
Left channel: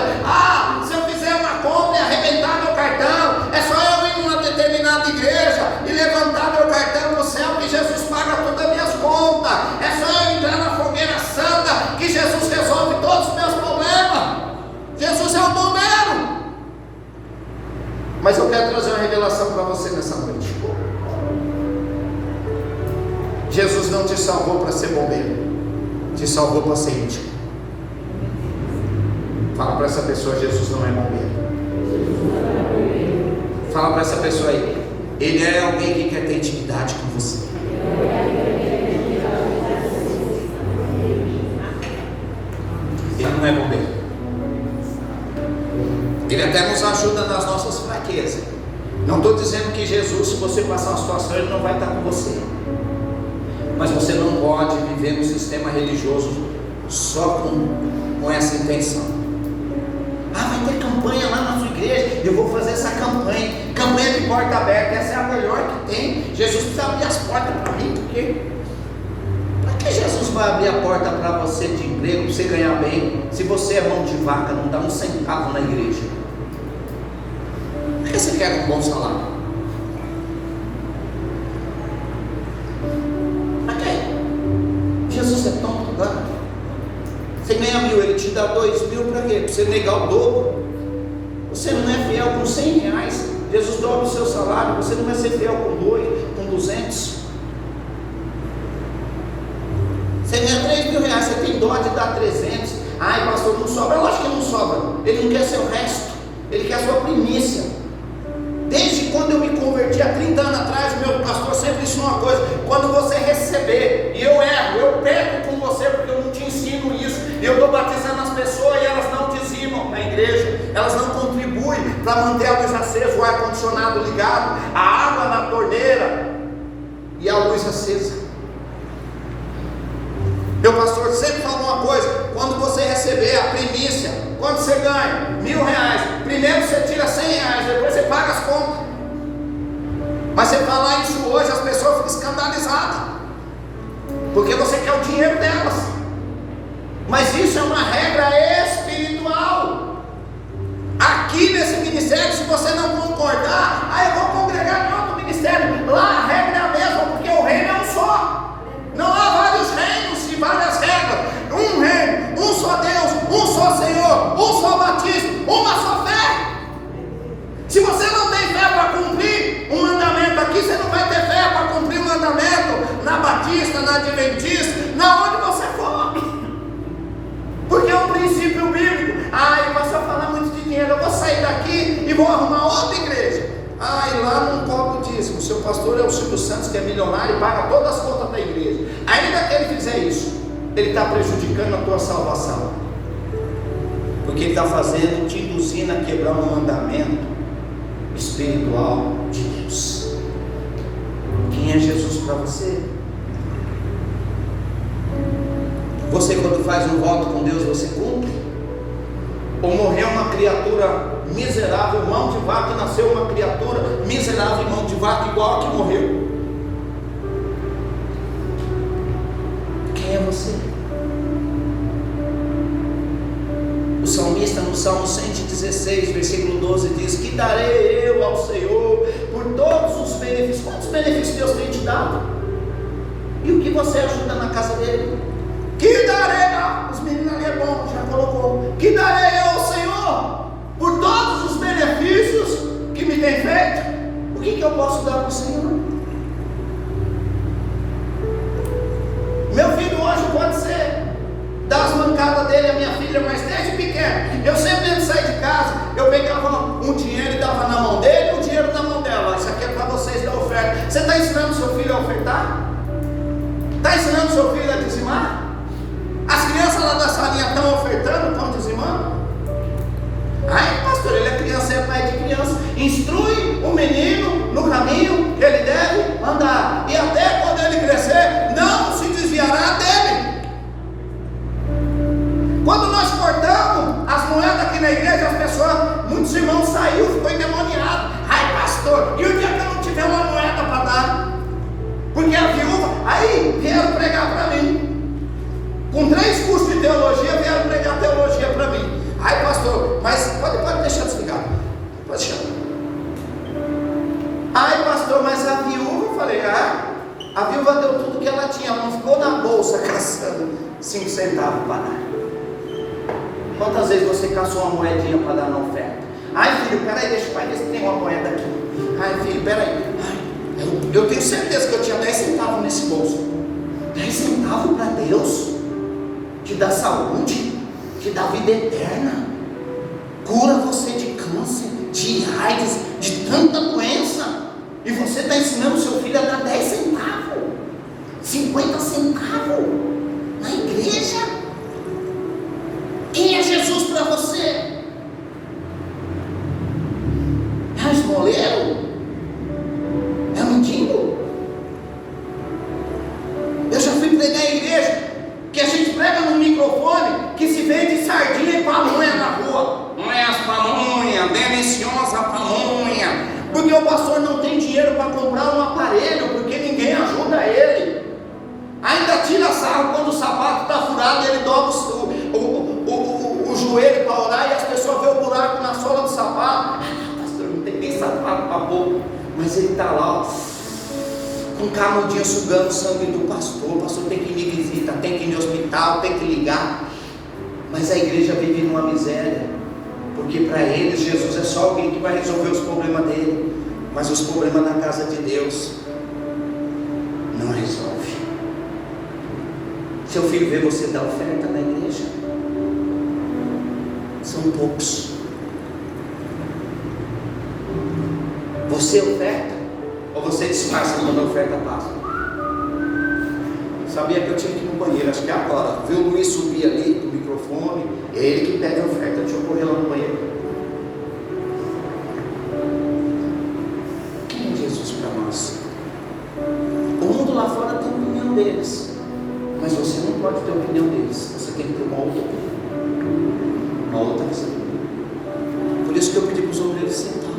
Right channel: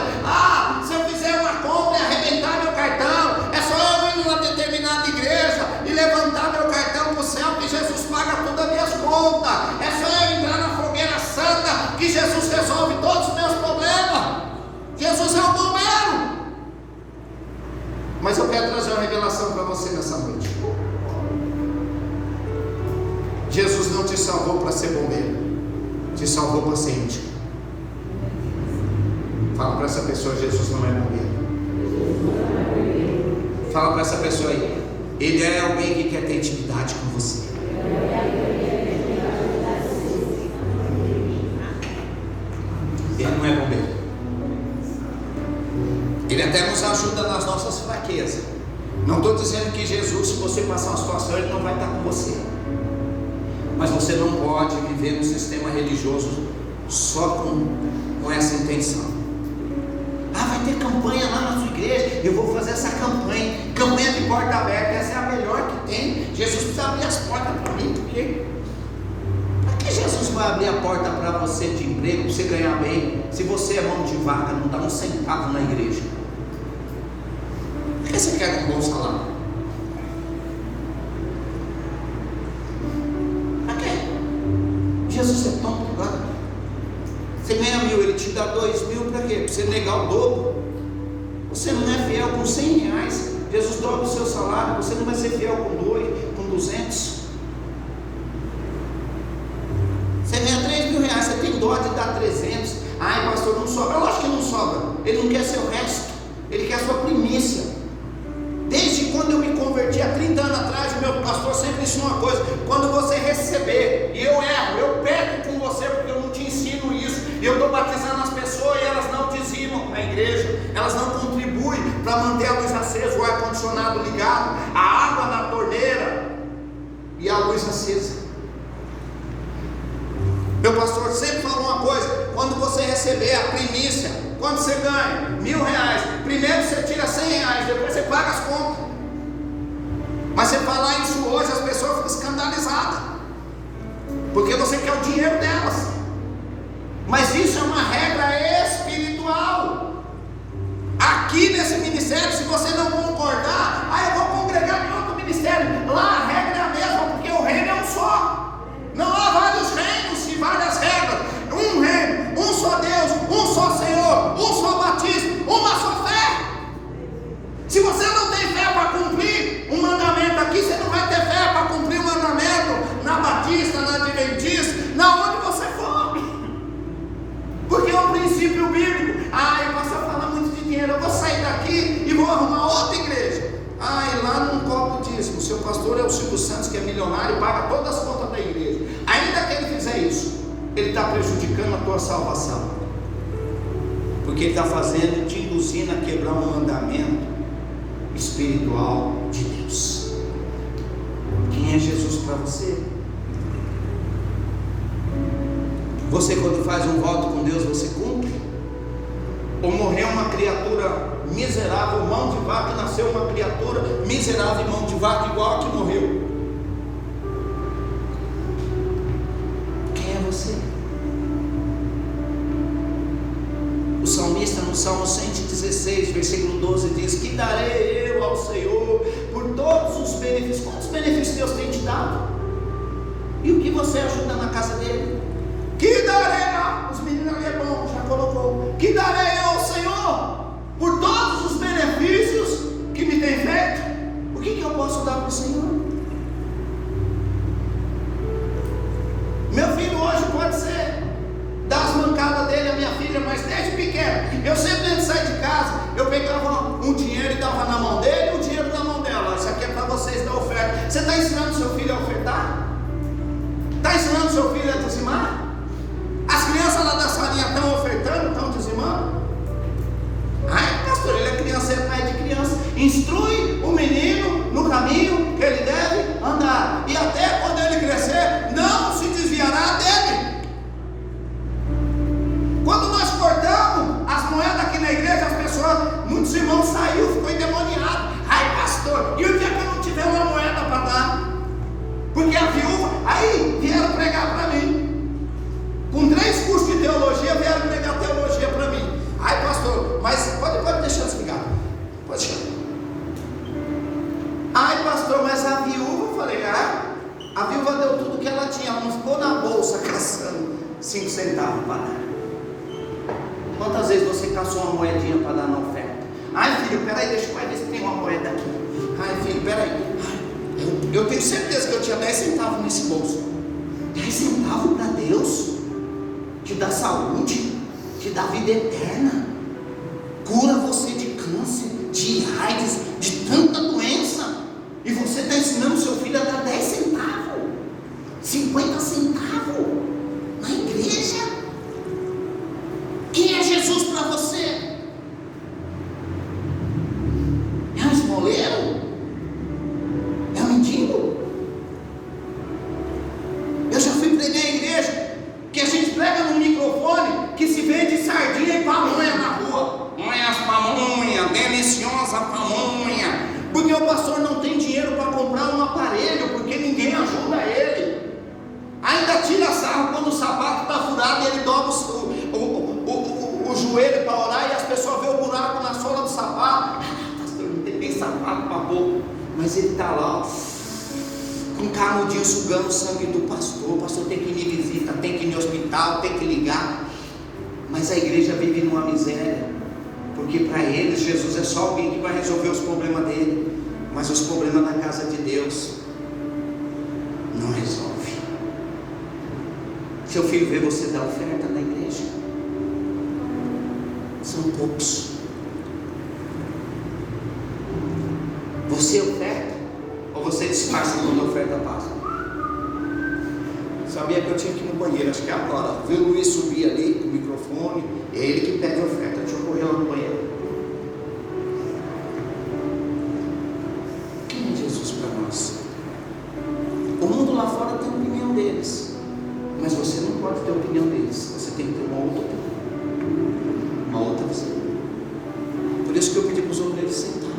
Se eu fizer uma compra e arrebentar meu cartão, é só eu ir numa determinada igreja e levantar meu cartão para o céu, que Jesus paga todas as minhas contas. É só eu entrar na fogueira santa, que Jesus resolve todos os meus problemas. Jesus é o bombeiro. Mas eu quero trazer uma revelação para você nessa noite. Jesus não te salvou para ser bombeiro, te salvou para ser íntimo. Fala para essa pessoa: Jesus não é bombeiro. Fala para essa pessoa aí: Ele é alguém que quer ter intimidade com você. Ele não é bombeiro. Ele até nos ajuda nas nossas fraquezas. Não estou dizendo que Jesus, se você passar uma situação, Ele não vai estar com você. Mas você não pode viver num sistema religioso só com essa intenção. Vai ter campanha lá na sua igreja, eu vou fazer essa campanha. Campanha de porta aberta, essa é a melhor que tem. Jesus precisa abrir as portas para mim, porque para que Jesus vai abrir a porta para você de emprego, para você ganhar bem, se você é mão de vaca, não dá um centavo na igreja? Por que você quer um bom salário? Para quê? Jesus dar 2.000 para quê? Para você negar o dobro? Você não é fiel com 100 reais. Jesus dobra o seu salário. Você não vai ser fiel com 200. Você ganha 3.000 reais, você tem dó de dar 300. Ai, pastor, não sobra. Lógico que não sobra. Ele não quer seu resto, ele quer a sua primícia. Desde quando eu me converti há 30 anos atrás, o meu pastor sempre ensinou uma coisa: quando você receber, e eu erro, eu peco com você porque eu não te ensino isso, eu estou batizando as pessoas e elas não dizimam na igreja, elas não contribuem para manter a luz acesa, o ar-condicionado ligado, a água na torneira e a luz acesa. Meu pastor sempre falou uma coisa: quando você receber a primícia, quando você ganha 1.000 reais, primeiro você tira 100 reais, depois você paga as contas. Mas você falar isso hoje, as pessoas ficam escandalizadas, porque você quer o dinheiro delas. Mas isso é uma regra espiritual. Aqui nesse ministério, se você não concordar, aí eu vou congregar em outro ministério. Lá a regra é a mesma, porque o reino é um só. Não há vários reinos e várias regras. Um reino, um só Deus, um só Senhor, um só batismo, uma só fé. Se você não tem fé para cumprir um mandamento aqui, você não vai ter fé para cumprir um mandamento na Batista, na Adventista, na onde você for. Porque é um princípio bíblico. Ai, pastor, falar muito de dinheiro, eu vou sair daqui e vou arrumar outra igreja. Ai, lá não cobra o dízimo. O seu pastor é o Silvio Santos, que é milionário e paga todas as contas da igreja. Ainda que ele fizer isso, ele está prejudicando a tua salvação, porque ele está fazendo, te induzindo a quebrar um mandamento espiritual de Deus. Quem é Jesus para você? Você, quando faz um voto com Deus, você cumpre? Ou morreu uma criatura miserável, mão de vaca, e nasceu uma criatura miserável e mão de vaca igual a que morreu? Quem é você? O salmista no Salmo 116, versículo 12 diz: que darei eu ao Senhor por todos os benefícios? Quantos benefícios Deus tem te dado? E o que você ajuda na casa dele? Que darei, os meninos ali é bom, já colocou. Que darei eu ao Senhor por todos os benefícios que me tem feito? O que eu posso dar para o Senhor? Meu filho hoje pode ser dar as mancadas dele, a minha filha, mas desde pequeno, eu sempre antes de sair de casa, eu pegava um dinheiro e dava na mão dele, um dinheiro na mão dela. Isso aqui é para vocês da oferta. Você está ensinando seu filho a ofertar? Está ensinando seu filho a dizimar? As crianças lá da salinha estão ofertando, estão dizimando? Ai, pastor, ele é criança, é pai de criança. Instrui o menino no caminho que ele deve andar, e até quando ele crescer, não se desviará dele. Quando nós cortamos as moedas aqui na igreja, as pessoas, muitos irmãos saíram, ficou endemoniado. Ai, pastor, e o dia que eu não tiver uma moeda para dar? Porque a viúva, aí vieram pregar para mim. Com 3 cursos de teologia, vieram pregar teologia para mim. Ai, pastor, mas pode deixar desligado. Pode deixar. Ai, pastor, mas a viúva, eu falei, a viúva deu tudo que ela tinha, não ficou na bolsa caçando 5 centavos para dar. Quantas vezes você caçou uma moedinha para dar na oferta? Ai, filho, peraí, deixa o pai ver se tem uma moeda aqui. Ai, filho, peraí. Eu tenho certeza que eu tinha 10 centavos nesse bolso. 10 centavos para Deus? Te dá saúde, te dá vida eterna, cura você de câncer, de AIDS, de tanta doença, e você está ensinando seu filho a dar 10 centavos, 50 centavos na igreja? Quem é Jesus para você? É um esmoleiro? É um mendigo? Eu já fui pregar em igreja que a gente prega no microfone que se vende sardinha e pamonha na rua. Não é as pamonha, deliciosa pamonha, porque o pastor não tem dinheiro para comprar um aparelho, porque ninguém ajuda ele. Ainda tira sarro quando o sapato está furado e ele dobra o joelho para orar, e as pessoas vêem o buraco na sola do sapato. Pastor, não tem nem sapato para boca, mas ele está lá, ó, com um canudinho sugando o sangue do pastor. O pastor tem que ir me visitar, tem que ir no hospital, tem que ligar. Mas a igreja vive numa miséria, porque para eles Jesus é só alguém que vai resolver os problemas dele, mas os problemas da casa de Deus não resolve. Seu filho vê você dar oferta na igreja, são poucos. Você oferta ou você disfarça quando a oferta passa? Sabia que eu tinha que ir no banheiro, acho que agora. Viu o Luiz subir ali com o microfone, é ele que pede a oferta. Deixa eu correr lá no banheiro. Quem é Jesus para nós? O mundo lá fora tem a opinião deles, mas você não pode ter a opinião deles, você tem que ter uma outra opinião, uma outra visão. Por isso que eu pedi para os obreiros sentar,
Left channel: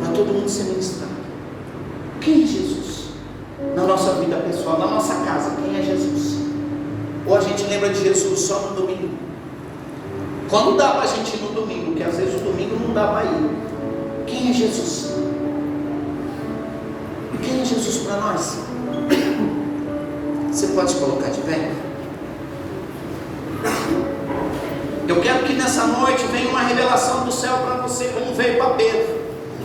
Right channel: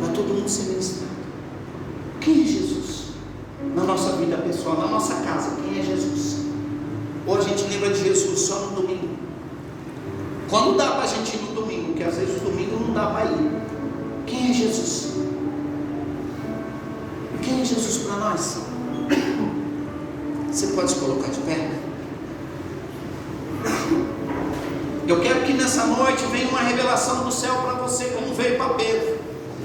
para todo mundo se ministrar. Quem é Jesus? Na nossa vida pessoal, na nossa casa, quem é Jesus? Ou a gente lembra de Jesus só no domingo? Quando dá para a gente ir no domingo, porque às vezes o domingo não dá para ir. Quem é Jesus? Quem é Jesus para nós? Você pode se colocar de pé? Eu quero que nessa noite venha uma revelação do céu para você, como veio para Pedro.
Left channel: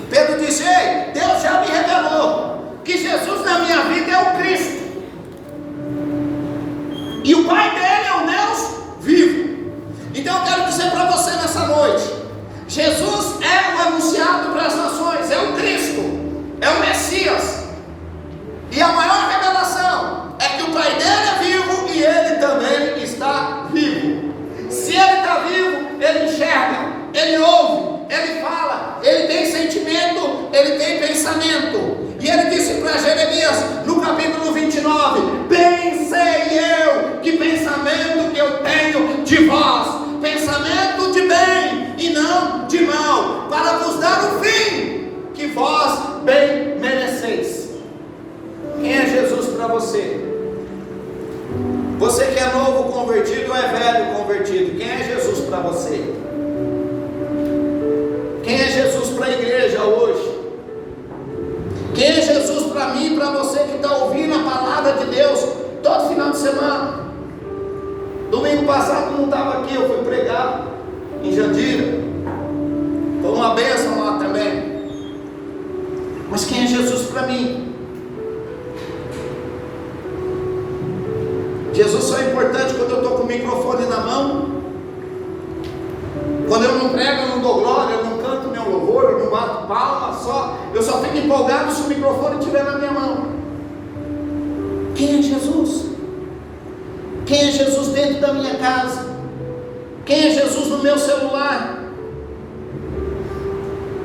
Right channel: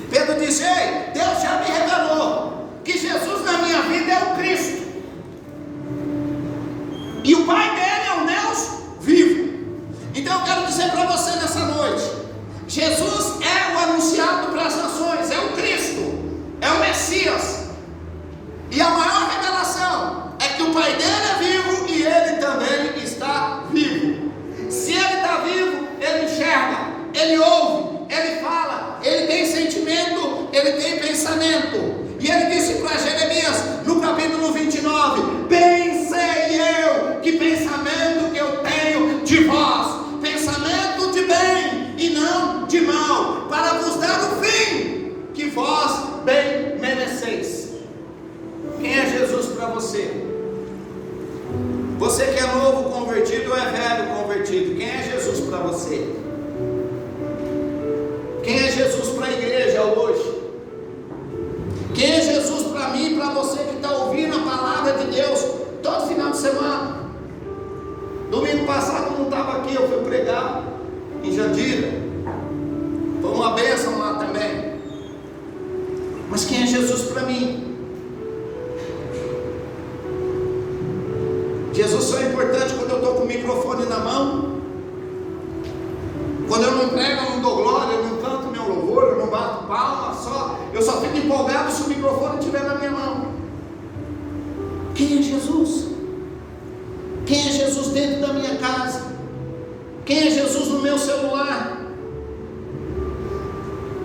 Pedro disse: ei, Deus já me revelou que Jesus na minha vida é o Cristo, e o Pai dele é o Deus vivo. Então eu quero dizer para você nessa noite: Jesus é o anunciado para as nações, é o Cristo, é o Messias, e a maior revelação é que o Pai dele é vivo e ele também está vivo. Se ele está vivo, ele enxerga, ele ouve, ele fala, ele tem sentimento, ele tem pensamento. E ele disse para Jeremias, no capítulo 29, bem sei eu que pensamento que eu tenho de vós, pensamento de bem e não de mal, para vos dar o fim que vós bem mereceis. Quem é Jesus para você? Você que é novo convertido ou é velho convertido, quem é Jesus para você? Quem é Jesus para a igreja hoje? Quem é Jesus para mim e para você que está ouvindo a palavra de Deus todo final de semana? Domingo passado não estava aqui, eu fui pregar em Jandira, foi uma bênção lá também. Mas quem é Jesus para mim? Jesus só é importante quando eu estou com o microfone na mão. Quando eu não prego, eu não dou glória, eu não canto meu louvor, eu não bato palma, eu só fico empolgado se o microfone estiver na minha mão. Quem é Jesus? Quem é Jesus dentro da minha casa? Quem é Jesus no meu celular?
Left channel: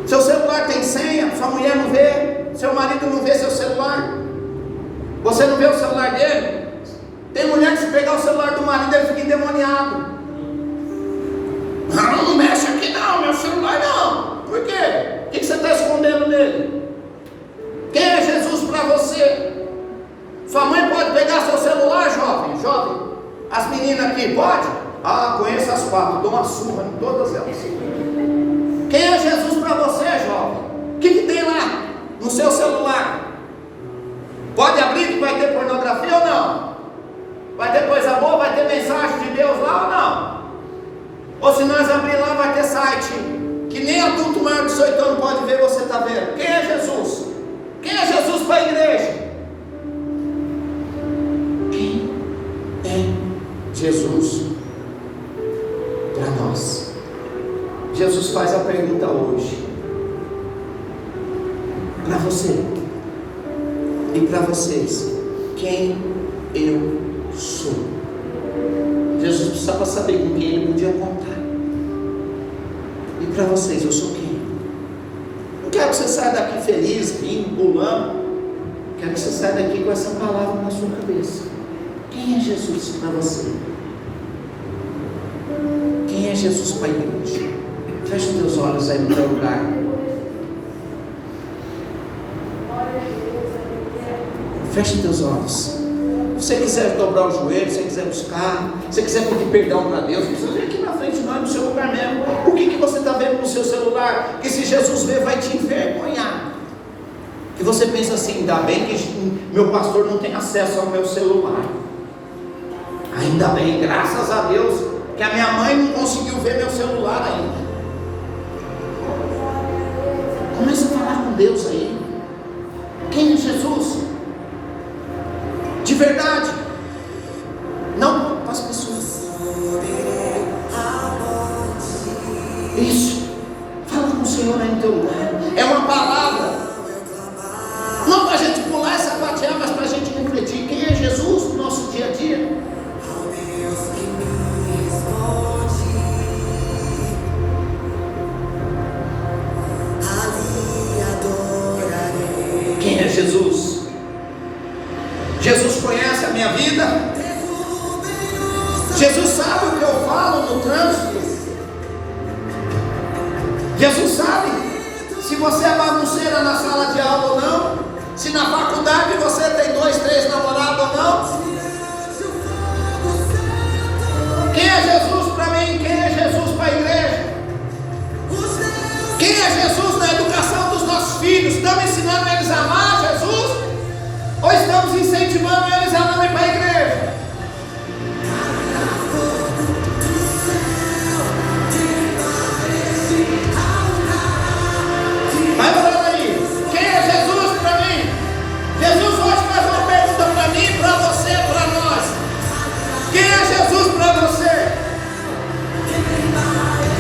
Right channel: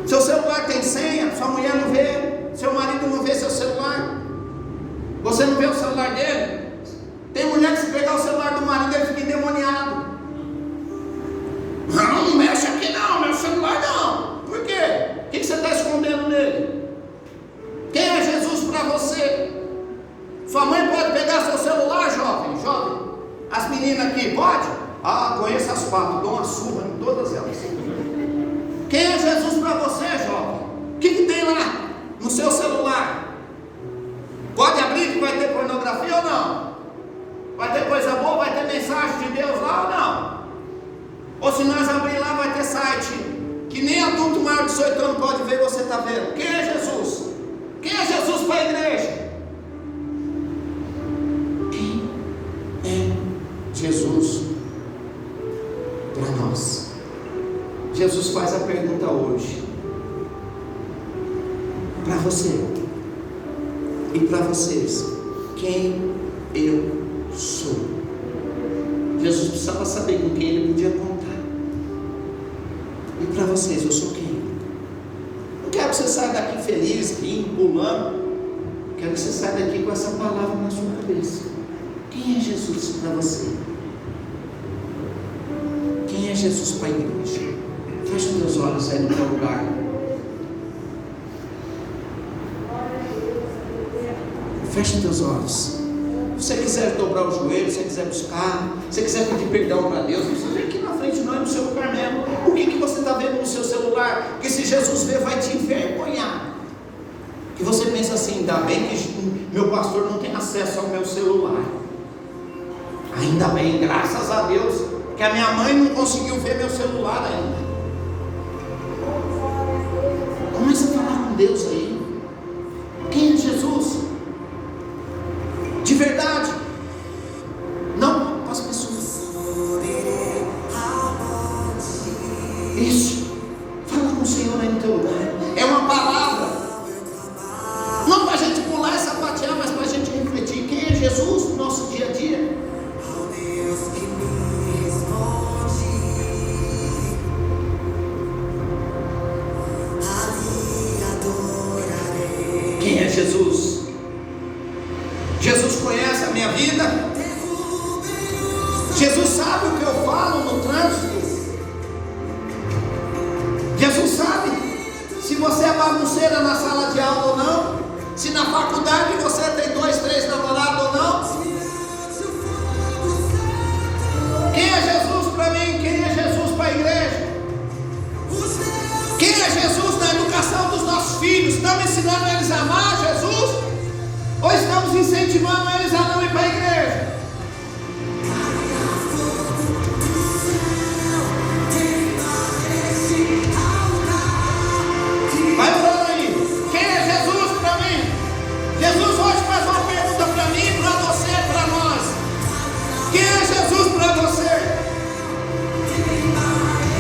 Seu celular tem senha, sua mulher não vê, seu marido não vê seu celular, você não vê o celular dele. Tem mulher que se pegar o celular do marido, ele fica endemoniado. Não mexe aqui não, meu celular não. Por quê? O que você está escondendo nele? Quem é Jesus para você? Sua mãe pode pegar seu celular, jovem? As meninas aqui, pode? Ah, conheço as quatro, dou uma surra em todas elas. Quem é Jesus para você, jovem? O que tem lá no seu celular? Pode abrir que vai ter pornografia ou não? Vai ter coisa boa, vai ter mensagem de Deus lá ou não? Ou se nós abrir lá, vai ter site que nem adulto maior de 18 anos pode ver, você está vendo. Quem é Jesus? Quem é Jesus para a igreja? Quem é Jesus para nós? Jesus faz a pergunta hoje para você e para vocês: quem eu sou? Jesus precisava saber com quem ele podia contar. E para vocês, eu sou quem? Não quero que você saia daqui feliz, rindo, pulando. Quero que você saia daqui com essa palavra na sua cabeça. Quem é Jesus para você? Quem é Jesus para a igreja? Feche os teus olhos aí no teu lugar. Feche os teus olhos. Se você quiser dobrar o joelho, se você quiser buscar, se você quiser pedir perdão para Deus, você vem aqui na frente de nós, no seu lugar mesmo. O que você está vendo no seu celular? Que se Jesus ver, vai te envergonhar. Que você pensa assim: ainda bem que meu pastor não tem acesso ao meu celular. Ainda bem, graças a Deus, que que a minha mãe não conseguiu ver meu celular ainda. Comece a falar com Deus aí. Quem é Jesus? De verdade. Não para as pessoas. Isso. Fala com o Senhor aí no teu lugar. É uma palavra. Não para a gente pular essa sapatear, mas para a gente refletir. Quem é Jesus no nosso dia a dia? Quem é Jesus? Jesus conhece a minha vida? Jesus sabe o que eu falo no trânsito? Jesus sabe se você é bagunceira na sala de aula ou não? Se na faculdade você tem 2, 3 namorados ou não? Quem é Jesus para mim? Quem é Jesus para a igreja? Quem é Jesus na educação dos nossos filhos? Estamos ensinando eles a amar Jesus? Ou estamos incentivando eles a amarem para a igreja? Vai orando aí. Quem é Jesus para mim? Jesus hoje faz uma pergunta para mim, para você, para nós. Quem é Jesus para você?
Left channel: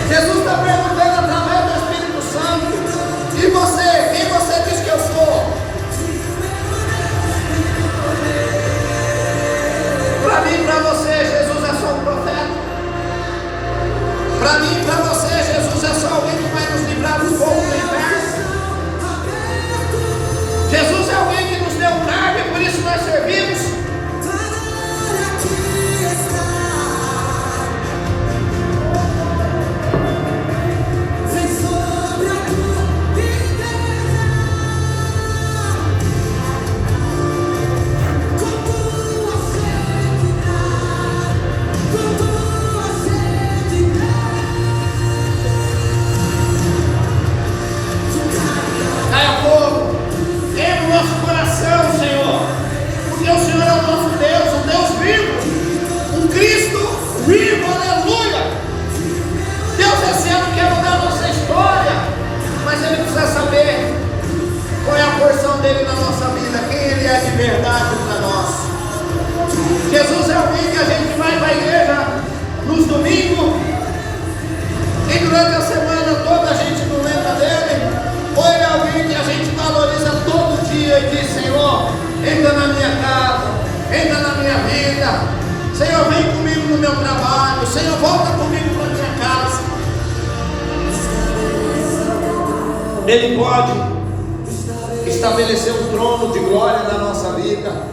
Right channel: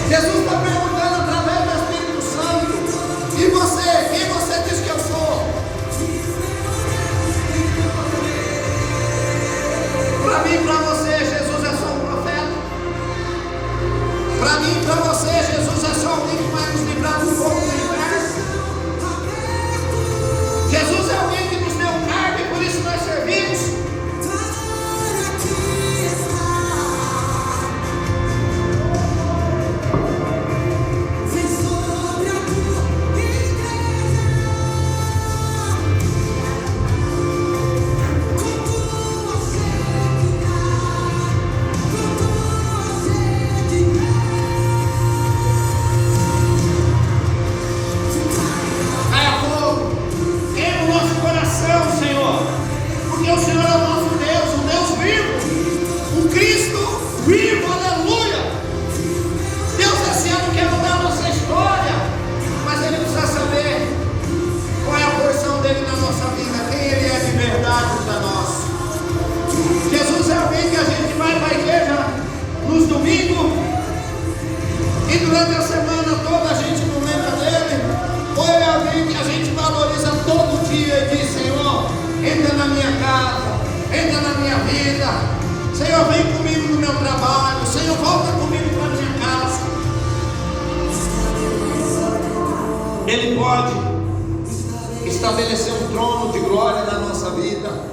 Jesus está perguntando através do Espírito Santo. E você? Quem você diz que eu sou? Para mim e para você, Jesus é só um profeta. Para mim e para você, Jesus é só alguém que vai nos livrar do fogo do inferno. Jesus é alguém que nos deu carga e por isso nós servimos. Caia fogo, queima o nosso coração, Senhor, porque o Senhor é o nosso Deus, um Deus vivo, um Cristo vivo, aleluia. Deus esse ano quer mudar a nossa história, mas Ele precisa saber qual é a porção dele na nossa vida, quem Ele é de verdade para nós. Jesus é alguém que a gente vai para a igreja nos domingos e durante a semana toda a gente não lembra dele, ou Ele é alguém que a gente valoriza todo dia e diz: Senhor, entra na minha casa, entra na minha vida, Senhor, vem comigo no meu trabalho, Senhor, volta comigo para a minha casa. Ele pode estabelecer um trono de glória na nossa vida.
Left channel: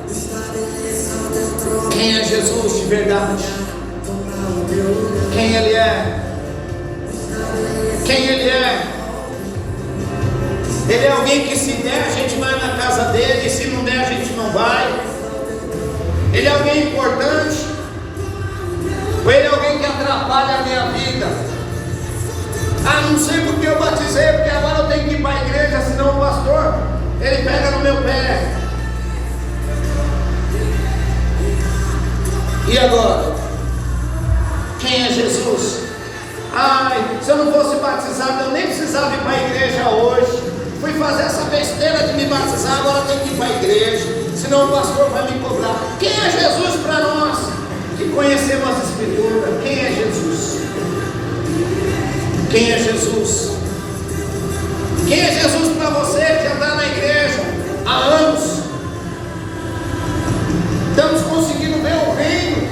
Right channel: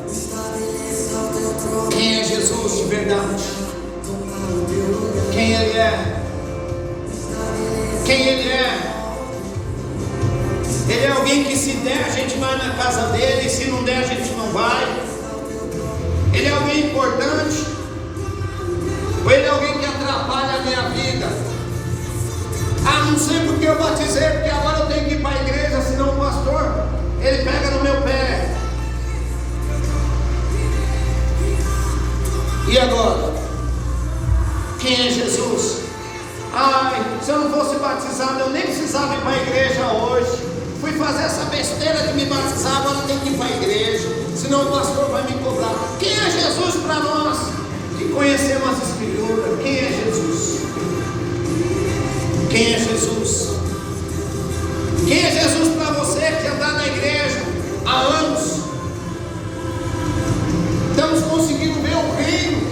Quem é Jesus de verdade? Quem Ele é? Quem Ele é? Ele é alguém que se der a gente vai na casa dele, e se não der a gente não vai. Ele é alguém importante? Ou Ele é alguém que atrapalha a minha vida? Ah, não sei porque eu batizei, porque agora eu tenho que ir para a igreja, senão o pastor, ele pega no meu pé. E agora? Quem é Jesus? Ai, se eu não fosse batizado, eu nem precisava ir para a igreja hoje. Fui fazer essa besteira de me batizar, agora tenho que ir para a igreja, senão o pastor vai me cobrar. Quem é Jesus para nós que conhecemos as Escrituras? Quem é Jesus? Quem é Jesus? Quem é Jesus para você que já está na igreja há anos? Estamos conseguindo ver o reino,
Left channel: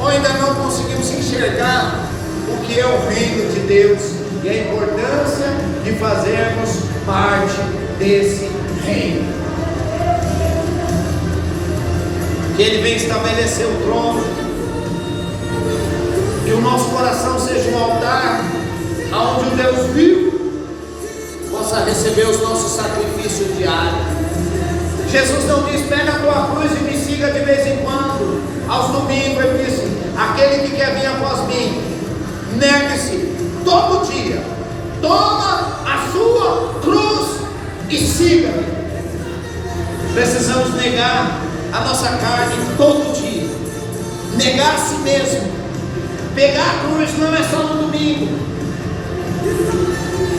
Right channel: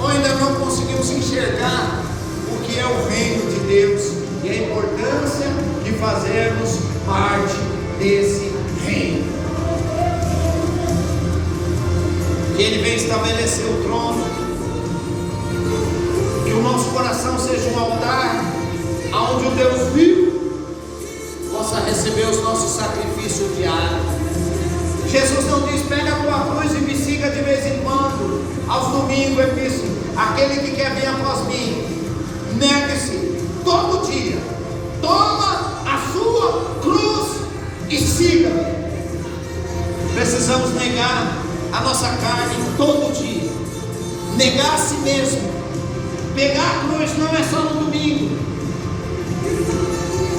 ou ainda não conseguimos enxergar o que é o reino de Deus e a importância de fazermos parte desse reino? Que Ele vem estabelecer o trono, que o nosso coração seja um altar onde o Deus vivo possa receber os nossos sacrifícios diários. Jesus não diz: pega a tua cruz e me siga de vez em quando. Aos domingos Ele disse: aquele que quer vir após mim, negue-se todo dia, toma a sua cruz e siga-me. Precisamos negar a nossa carne todo dia, negar a si mesmo, Pegar a cruz não é só no domingo.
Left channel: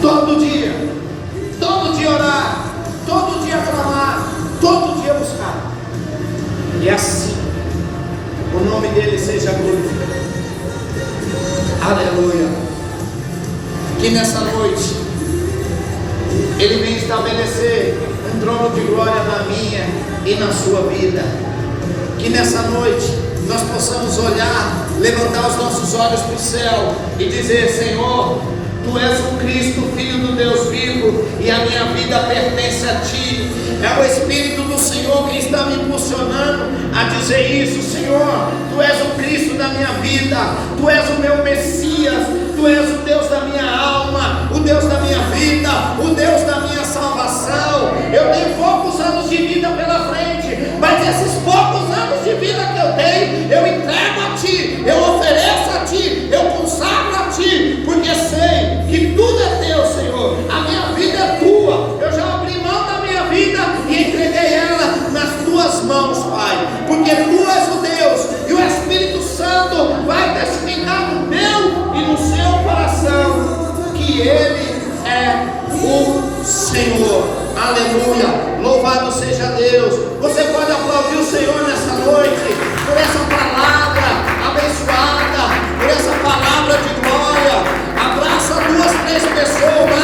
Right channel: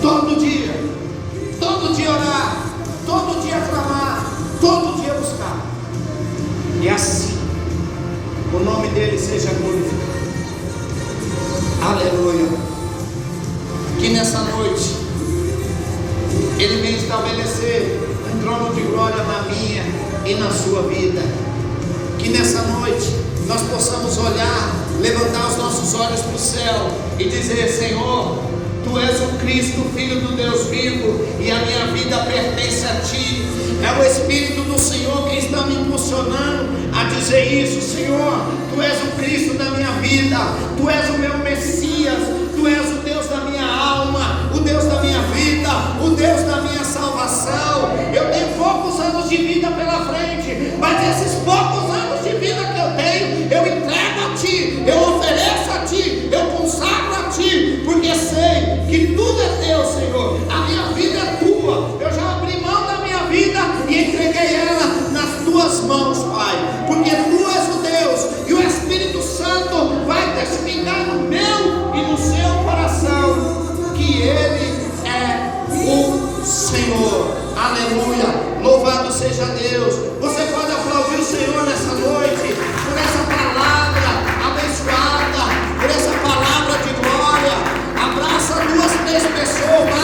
Todo dia orar, todo dia clamar, todo dia buscar. E assim, o nome dele seja glorificado. Aleluia. Que nessa noite, ele vem estabelecer um trono de glória na minha e na sua vida. Que nessa noite, nós possamos olhar, levantar os nossos olhos para o céu e dizer: Senhor, Tu és o Cristo, Filho do Deus vivo, e a minha vida pertence a Ti. É o Espírito do Senhor quem está me impulsionando a dizer isso. Senhor, Tu és o Cristo da minha vida, Tu és o meu Messias, Tu és o Deus da minha alma, o Deus da minha vida, o Deus da minha salvação. Eu tenho poucos anos de vida pela frente, mas esses poucos anos de vida que eu tenho, eu entrego a Ti, eu ofereço a Ti, eu consagro a Ti, porque sei que tudo é Teu, Senhor. A minha vida é Tua. Eu já abri mão da minha vida e entreguei ela nas Tuas mãos, Pai, porque Tu és o Deus, e o Espírito Santo vai testificar no meu e no seu coração que Ele é o Senhor. Aleluia. Louvado seja Deus. Você pode aplaudir o Senhor nessa noite por essa palavra abençoada, por essa palavra de glória. Abraça 2, 3 pessoas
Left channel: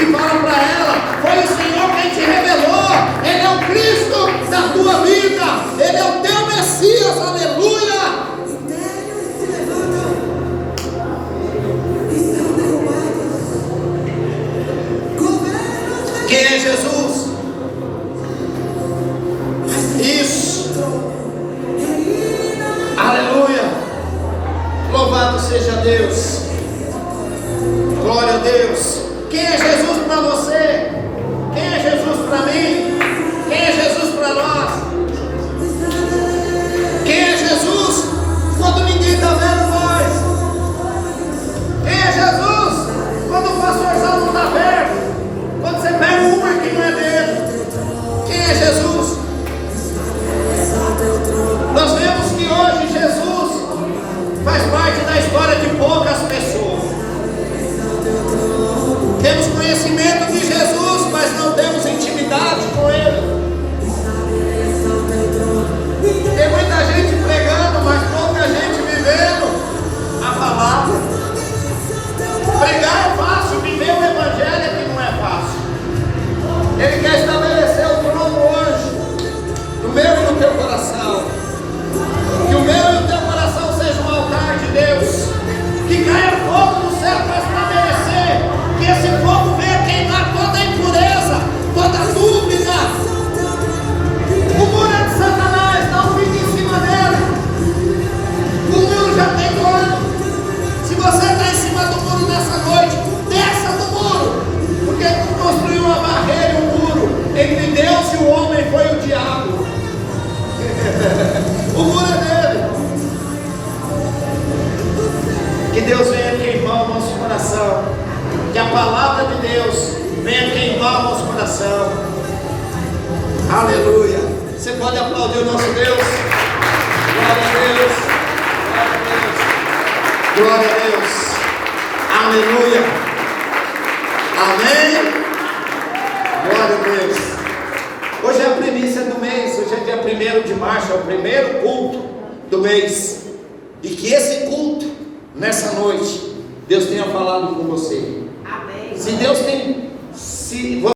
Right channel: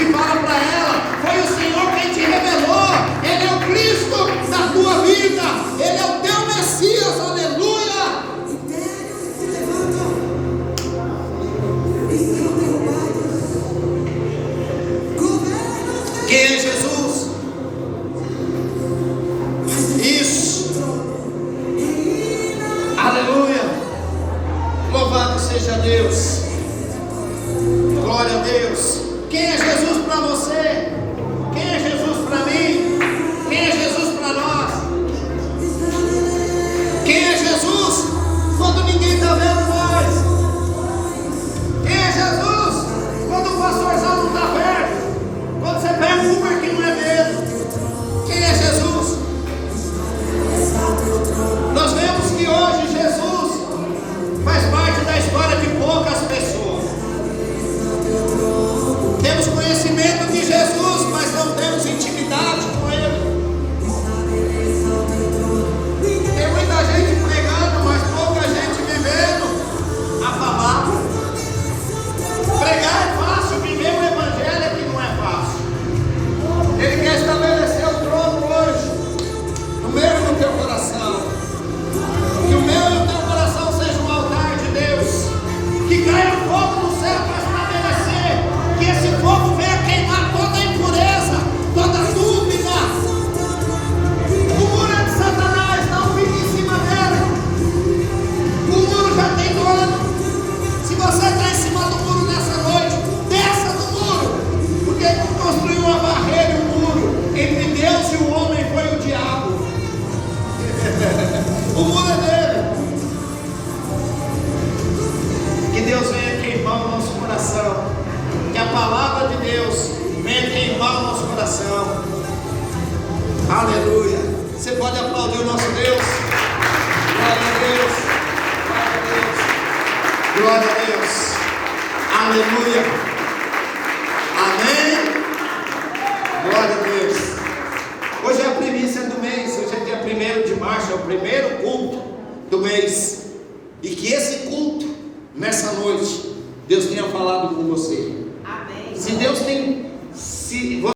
e fala para ela: foi o Senhor quem te revelou. Ele é o Cristo da tua vida, Ele é o teu Messias. Aleluia. Quem é Jesus? Isso. Aleluia. Louvado seja Deus. Glória a Deus. Quem é Jesus para você? Quem é Jesus para mim? Quem é Jesus para nós? Quem é Jesus quando ninguém está vendo nós? Quem é Jesus quando o pastorzão não está vendo? Quando você pega um Uber que não é dele? Quem é Jesus? Nós vemos que hoje Jesus faz parte da história de poucas pessoas. Temos conhecimento de Jesus, mas não temos intimidade com Ele. Tem muita gente pregando, mas pouca gente vivendo a palavra. Pregar é fácil, viver o Evangelho é que não é fácil. Ele quer estabelecer o trono hoje, no meu e no teu coração. Que o meu e o teu coração seja um altar de Deus. Que caia fogo no céu para estabelecer. Que esse fogo venha queimar toda a impureza, toda a dúvida. O muro é de Satanás, não fique em cima dele. O muro já tem dono. Se você está em cima do muro nessa noite, desça do muro. Porque quem construiu uma barreira e um muro entre Deus e o homem foi o diabo. O muro é dele. Que Deus venha queimar o nosso coração. Que a palavra de Deus venha queimar o nosso coração. Aleluia. Você pode aplaudir o nosso Deus? Glória a Deus. Glória a Deus. Glória a Deus. Aleluia. Amém. Glória a Deus. Hoje é a primícia do mês. Hoje é dia 1º de março. É o primeiro culto do mês. E que esse culto, nessa noite, Deus tenha falado com você. Amém. Se Deus tem, se